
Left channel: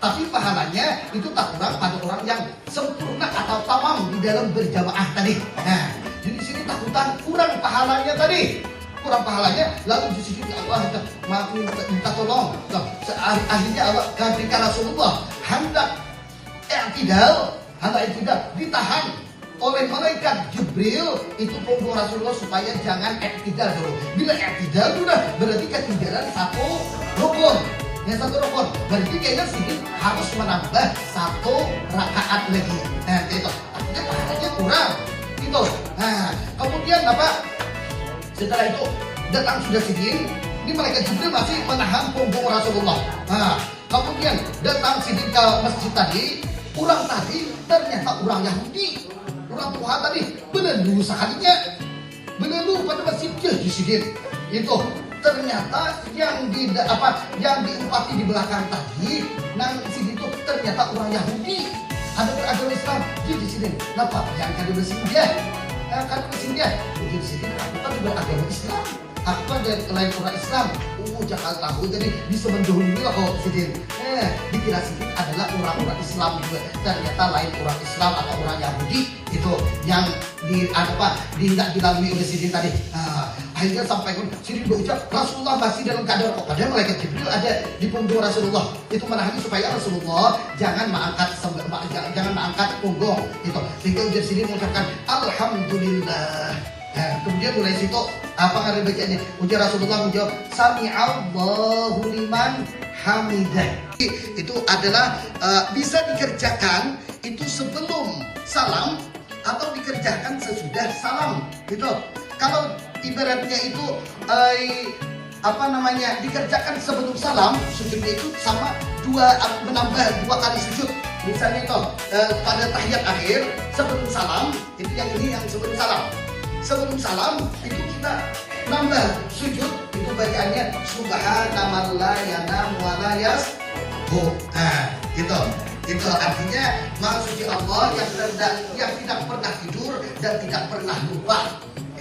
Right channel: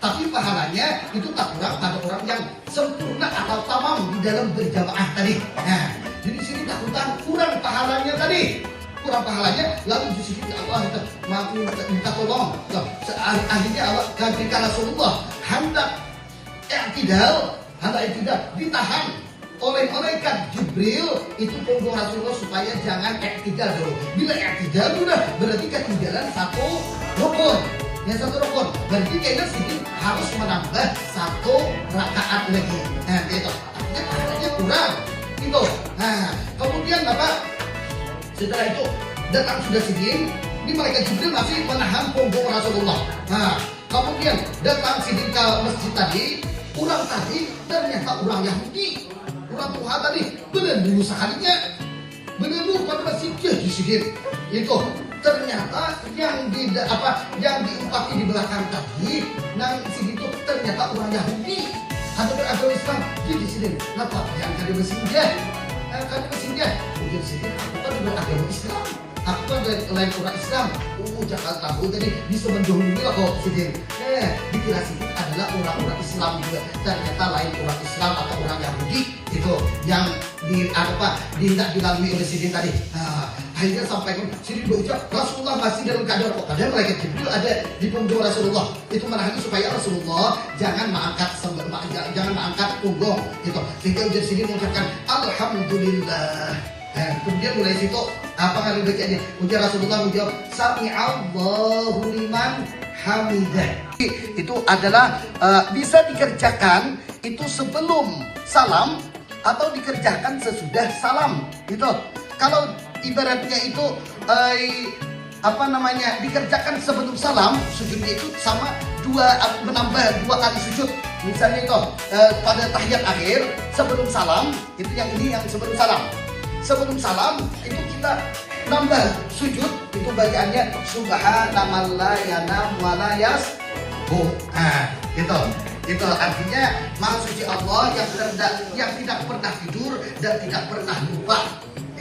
Tapi pahalanya itu tak kurang pada orang yang sempurna atau tamam di dalam berjamaah tadi. Jadi sini takutan kurang pahalanya tadi. Kurang pahalanya, lalu di sini Allah minta tolong. Akhirnya Allah ketika Rasulullah hendak i'tidal ditahan oleh malaikat Jibril itu punggung Rasulullah supaya jangan i'tidal dulu. Bila i'tidal sudah berarti ketinggalan satu rukun. Berarti kayaknya sedikit harus menambah satu rakaat lagi. Itu artinya pahalanya kurang. Itu. Kemudian setelah itu datang sudah sidin, ini malaikat Jibril masih menahan punggung Rasulullah. Kemudian datang sidin ke masjid tadi, orang tadi ternyata orang Yahudi, orang tua tadi belum sekalinya, belum pada masjid di sidin. Itu ternyata yang diempati di belakang tadi, nang sidin itu ternyata orang Yahudi, ada beragama Islam di sidin. Kenapa? Jangan ada mesin dia. Kalau mesin dia, ujian sidin aku kan juga agama Islam. Aku kan dari lain orang Islam. Jangan tahu jadi bisa mendahului lah kok sidin. Dikira sidin adalah orang-orang Islam juga. Ternyata lain orang Islam atau orang Yahudi itu yang tidak dilalui oleh sidin tadi. Akhirnya sampai sidin berucap Rasulullah masih dalam keadaan kok. Padahal malaikat Jibril ada di punggung Rasulullah. Itu menahan supaya Rasulullah jangan mengangkat punggung. Gitu. Sehingga ujar sidin mengucapkan Alhamdulillah. Kemudian mulai situ kali bacanya? Ujar Rasulullah menjawab sami Allahu liman hamidah. Itu adalah bisa dikerjakan itu sebelum salam atau dikerjakan sesudah salam. Gitu. Kalau ibaratnya itu dikerjakan sebelum salam, sujudnya itu sama menambah 2 kali sujud. Misalnya itu pada tahiyat akhir sebelum salam, itu yang sebelum salam. Sebelum salam itu kita nambah sujud, itu bacaannya subhanallahi la yanam wa la yasbuk. Itu artinya maha suci Allah yang tidak pernah tidur dan tidak pernah lupa.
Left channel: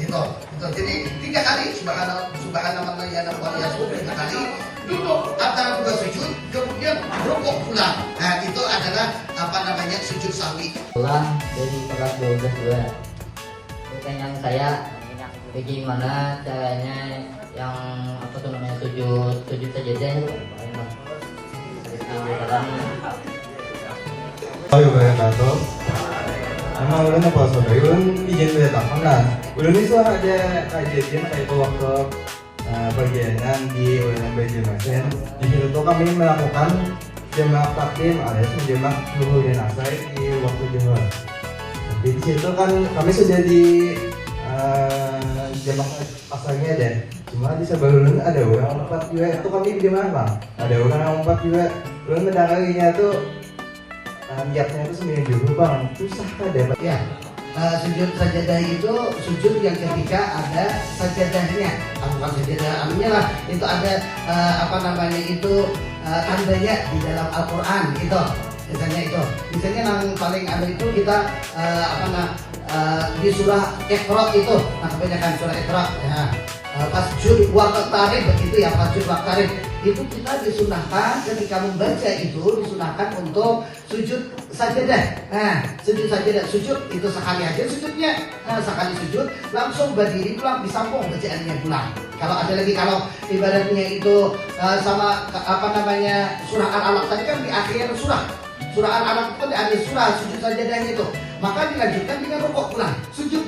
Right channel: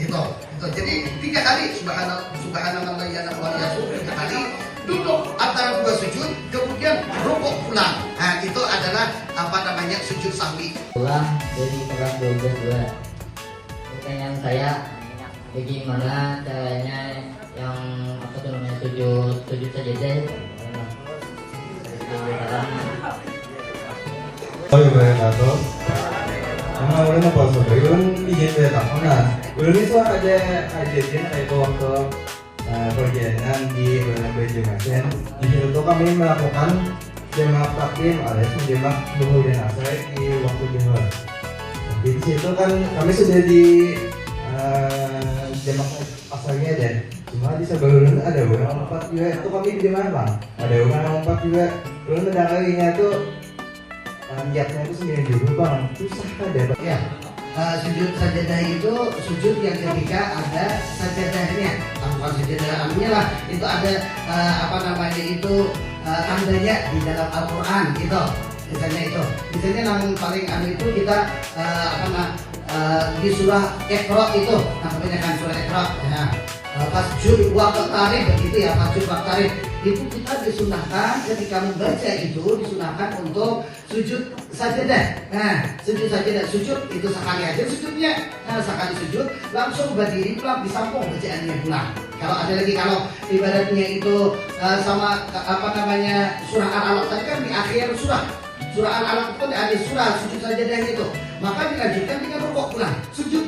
Gitu. Jadi 3 kali subhanallah wa bihamdihi 3 kali. Duduk antara 2 sujud, kemudian rukuk pulang. Nah, itu adalah sujud sahwi. Pulang dari kelas 12 pertanyaan saya, bagaimana caranya yang sujud sajadah itu? wabarakatuh. Nama ulun apa saudara? Ulun izin datang mana? Ulun itu ada kejadian itu waktu perjalanan di Ulun Banjarmasin. Di situ kami melakukan jamak takdim alias menjamak zuhur dan asar di waktu zuhur. Di situ kan kami sudah di jamak asarnya dan cuma di sebelah Ulun ada orang 4 juga. Itu kami di mana bang? Ada orang 4 juga. Ulun mendakarinya tuh niatnya itu 9 juru bang, susah ada Ya, sujud sajadah itu sujud yang ketika ada sajadahnya, bukan sajadah anunya lah, itu ada tandanya di dalam Al-Quran gitu, misalnya yang paling itu kita di surah Iqra itu, kebanyakan surah Iqra, Fasjud waqtarib begitu ya, Fasjud waqtarib itu kita disunahkan ketika membaca itu disunahkan untuk sujud sajadah. Nah, sujud sajadah, sujud itu sekali aja sujudnya, sekali sujud langsung berdiri pulang, disambung bacaannya pulang. Kalau ada lagi, kalau ibaratnya itu sama surah Al-Alaq tadi kan di akhir surah Al-Alaq itu di akhir surah sujud sajadahnya itu, maka dilanjutkan dengan rukuk pulang, sujud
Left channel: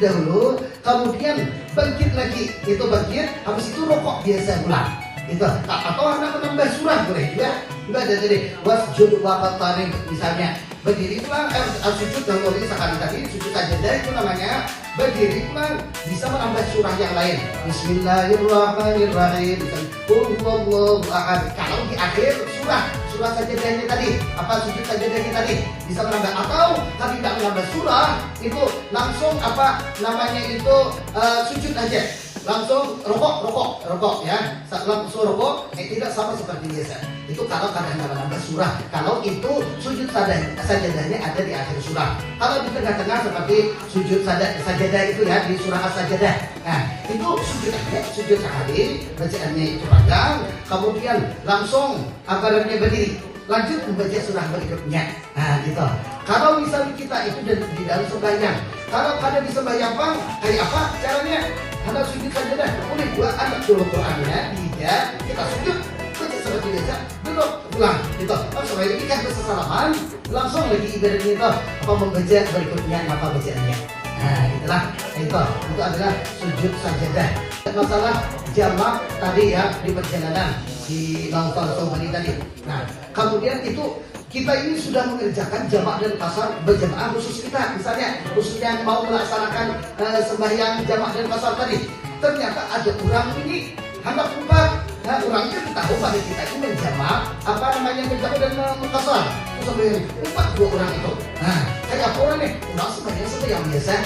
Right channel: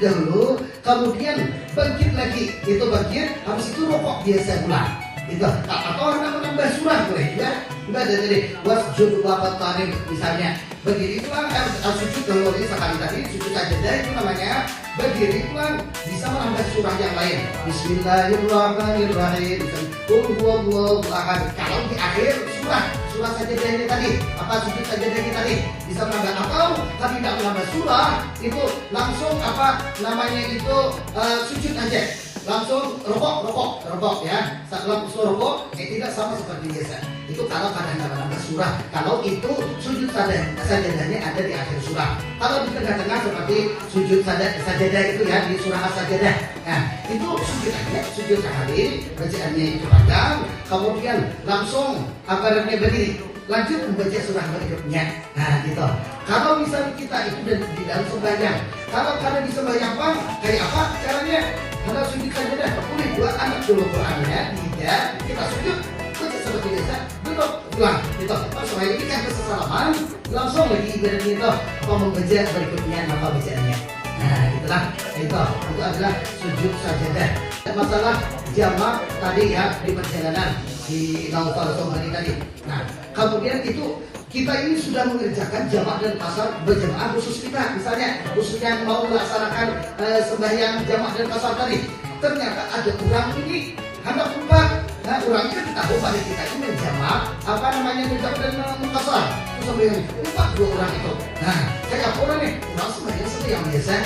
dahulu, kemudian bangkit lagi, itu bangkit, habis itu rokok biasa pulang, itu atau nambah surah boleh ya, nggak ada tadi wasjud waqtarib misalnya berdiri pulang, sujud dahulu ini sekali tadi sujud sajadah itu namanya berdiri pulang, bisa menambah surah yang lain, Bismillahirrahmanirrahim, Qul huwallahu ahad. Kalau di akhir surah sajadah ini tadi, sujud sajadah ini tadi bisa menambah, atau tapi tidak menambah surah itu langsung sujud aja, langsung rokok ya, langsung rokok, tidak sama seperti biasa. Itu kalau kadang menambah surah, kalau itu sujud sajadahnya ada di akhir surah. Kalau di tengah-tengah seperti sujud sajadah itu ya di surah As-Sajadah, nah itu sujud sekali, bacaannya itu panjang, kemudian langsung berdiri, lanjut membaca surah berikutnya. Nah gitu. Kalau misalnya kita itu di dalam sembahyang, kalau ada di sembahyang bang, kayak apa caranya? Karena sujud sajadah, boleh buat anak dulu Qurannya, tidak kita sujud baca seperti biasa, duduk pulang gitu. Supaya ini kan kesalahan, langsung lagi ibaratnya itu membaca berikutnya apa bacaannya. Nah itulah itu adalah sujud sajadah. Masalah jamak tadi ya di perjalanan di Naufal Somali tadi. Nah kemudian itu kita ini sudah mengerjakan jamak dan kasar berjamaah khusus kita, misalnya khususnya mau melaksanakan sembahyang jamak dan kasar tadi, ternyata ada orang ini hendak umpat. Nah orang itu kita tahu pada kita itu menjamak menjamak dan mengkasar, terus umpat 2 orang itu. Nah kayak apa orang nih, orang sembahyang yang biasa.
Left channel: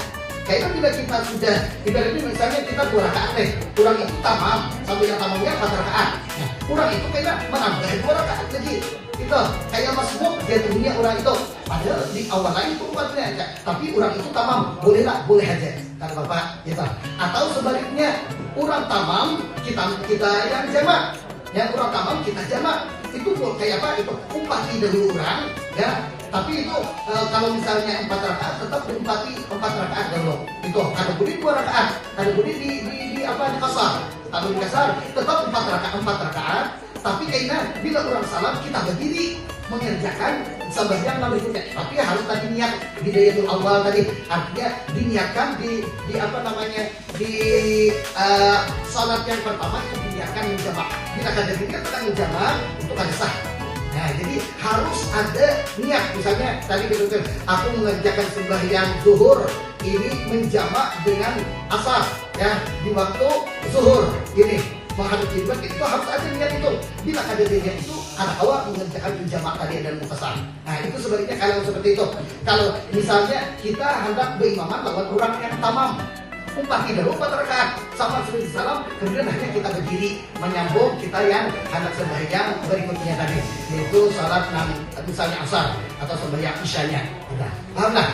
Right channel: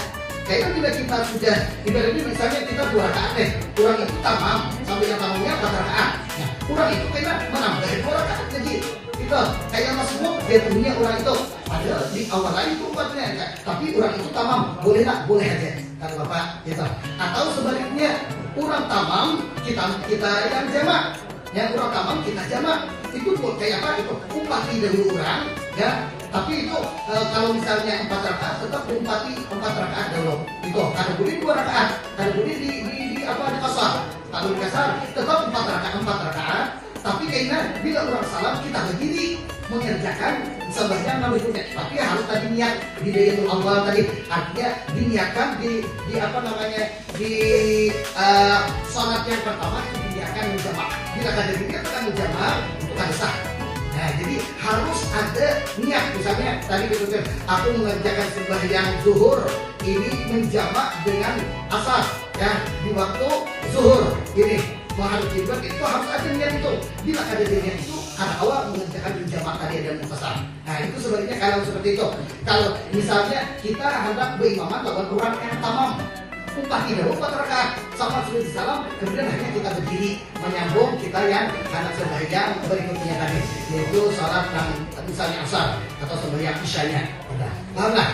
Kayaknya bila kita sudah ibaratnya misalnya kita 2 rakaat kurang itu tamam sampai yang tamamnya 4 rakaat. Nah, kurang itu kayaknya menambah 2 rakaat lagi. Itu kayak Mas Muk dia punya orang itu. Padahal di awal lain itu umatnya ya. Tapi orang itu tamam, boleh aja kata Bapak gitu. Atau sebaliknya orang tamam kita yang jamak. Yang orang tamam kita jamak. Itu kayak apa itu? Umpati dari orang ya. Tapi itu kalau misalnya 4 rakaat tetap umpati 4 rakaat dulu. Itu kada boleh 2 rakaat, kada boleh di kasar. Kalau di kasar tetap 4 rakaat. Tapi kayaknya bila orang salam kita berdiri mengerjakan sembahyang berikutnya. Tapi harus tadi niat di Baitul Awal tadi, artinya diniatkan di salat yang pertama itu diniatkan menjamak. Bila kada diniatkan menjamak untuk kada sah. Nah, jadi harus ada niat. Misalnya tadi betul aku mengerjakan sembahyang zuhur ini menjamak dengan asar ya di waktu zuhur ini menghadap kiblat, itu harus ada niat itu. Bila ada niat itu karena awal mengerjakan menjamak tadi dan mutasal. Nah itu sebaliknya kalau seperti itu. Kalau misalnya kita hendak berimaman lawan orang yang tamam, umpati dulu 4 rakaat sama sudah disalam, kemudian hanya kita berdiri menyambung kita yang hendak sembahyang berikutnya tadi, yaitu salat dan misalnya asar atau sembahyang isyanya. Paham lah?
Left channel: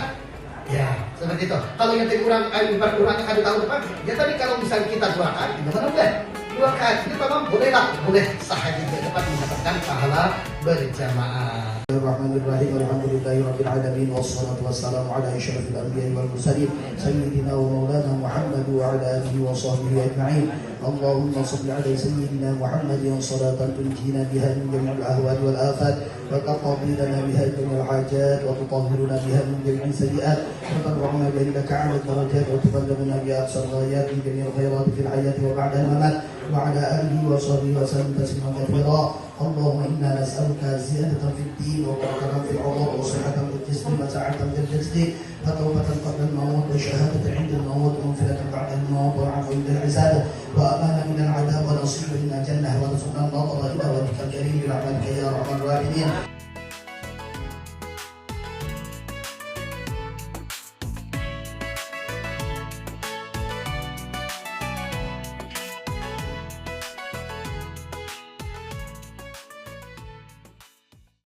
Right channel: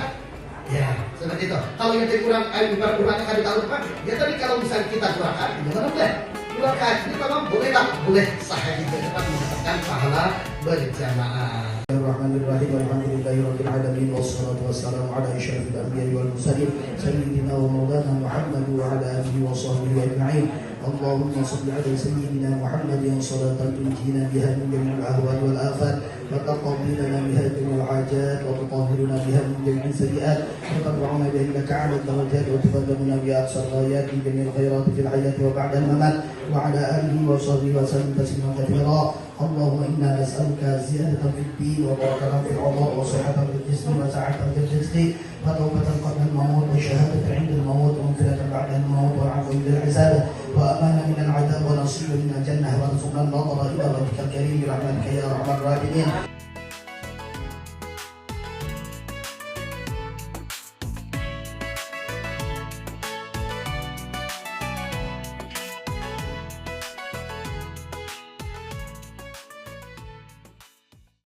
Ya. Seperti itu. Kalau yang tadi kurang, kurang akan tahun depan, ya tadi kalau misalnya kita doakan, gimana udah? Doakan, itu memang boleh lah, boleh sehari ke depan mendapatkan pahala berjamaah. Bismillahirrahmanirrahim. Alhamdulillahirabbil alamin wassalatu wassalamu ala asyrafil anbiya'i wal mursalin sayyidina wa maulana Muhammad wa ala alihi wa sahbihi ajma'in. Allahumma shalli ala sayyidina Muhammadin salatan tunjina biha min jami'il ahwal wal afat wa taqdi lana biha jami'al hajat wa tutahhiruna biha min jami'is sayyi'at wa tarfa'una biha indaka 'ala darajat wa tuballighuna biha aqsal ghayat min jami'il khairat fil hayati wa ba'da al-mamat wa ala alihi wa sahbihi wa sallam tasliman katsira. اللهم إنا نسألك زيادة في الدين وبركة في العمر وصحة في الجسم وسعة في الجسد فتوبة قبل الموت وشهادة عند الموت ومغفرة بعد الموت وعفو عند الحساب وأمانا من العذاب ونصيب من الجنة ورزقنا النظر إلى وجهك الكريم برحمتك يا أرحم الراحمين.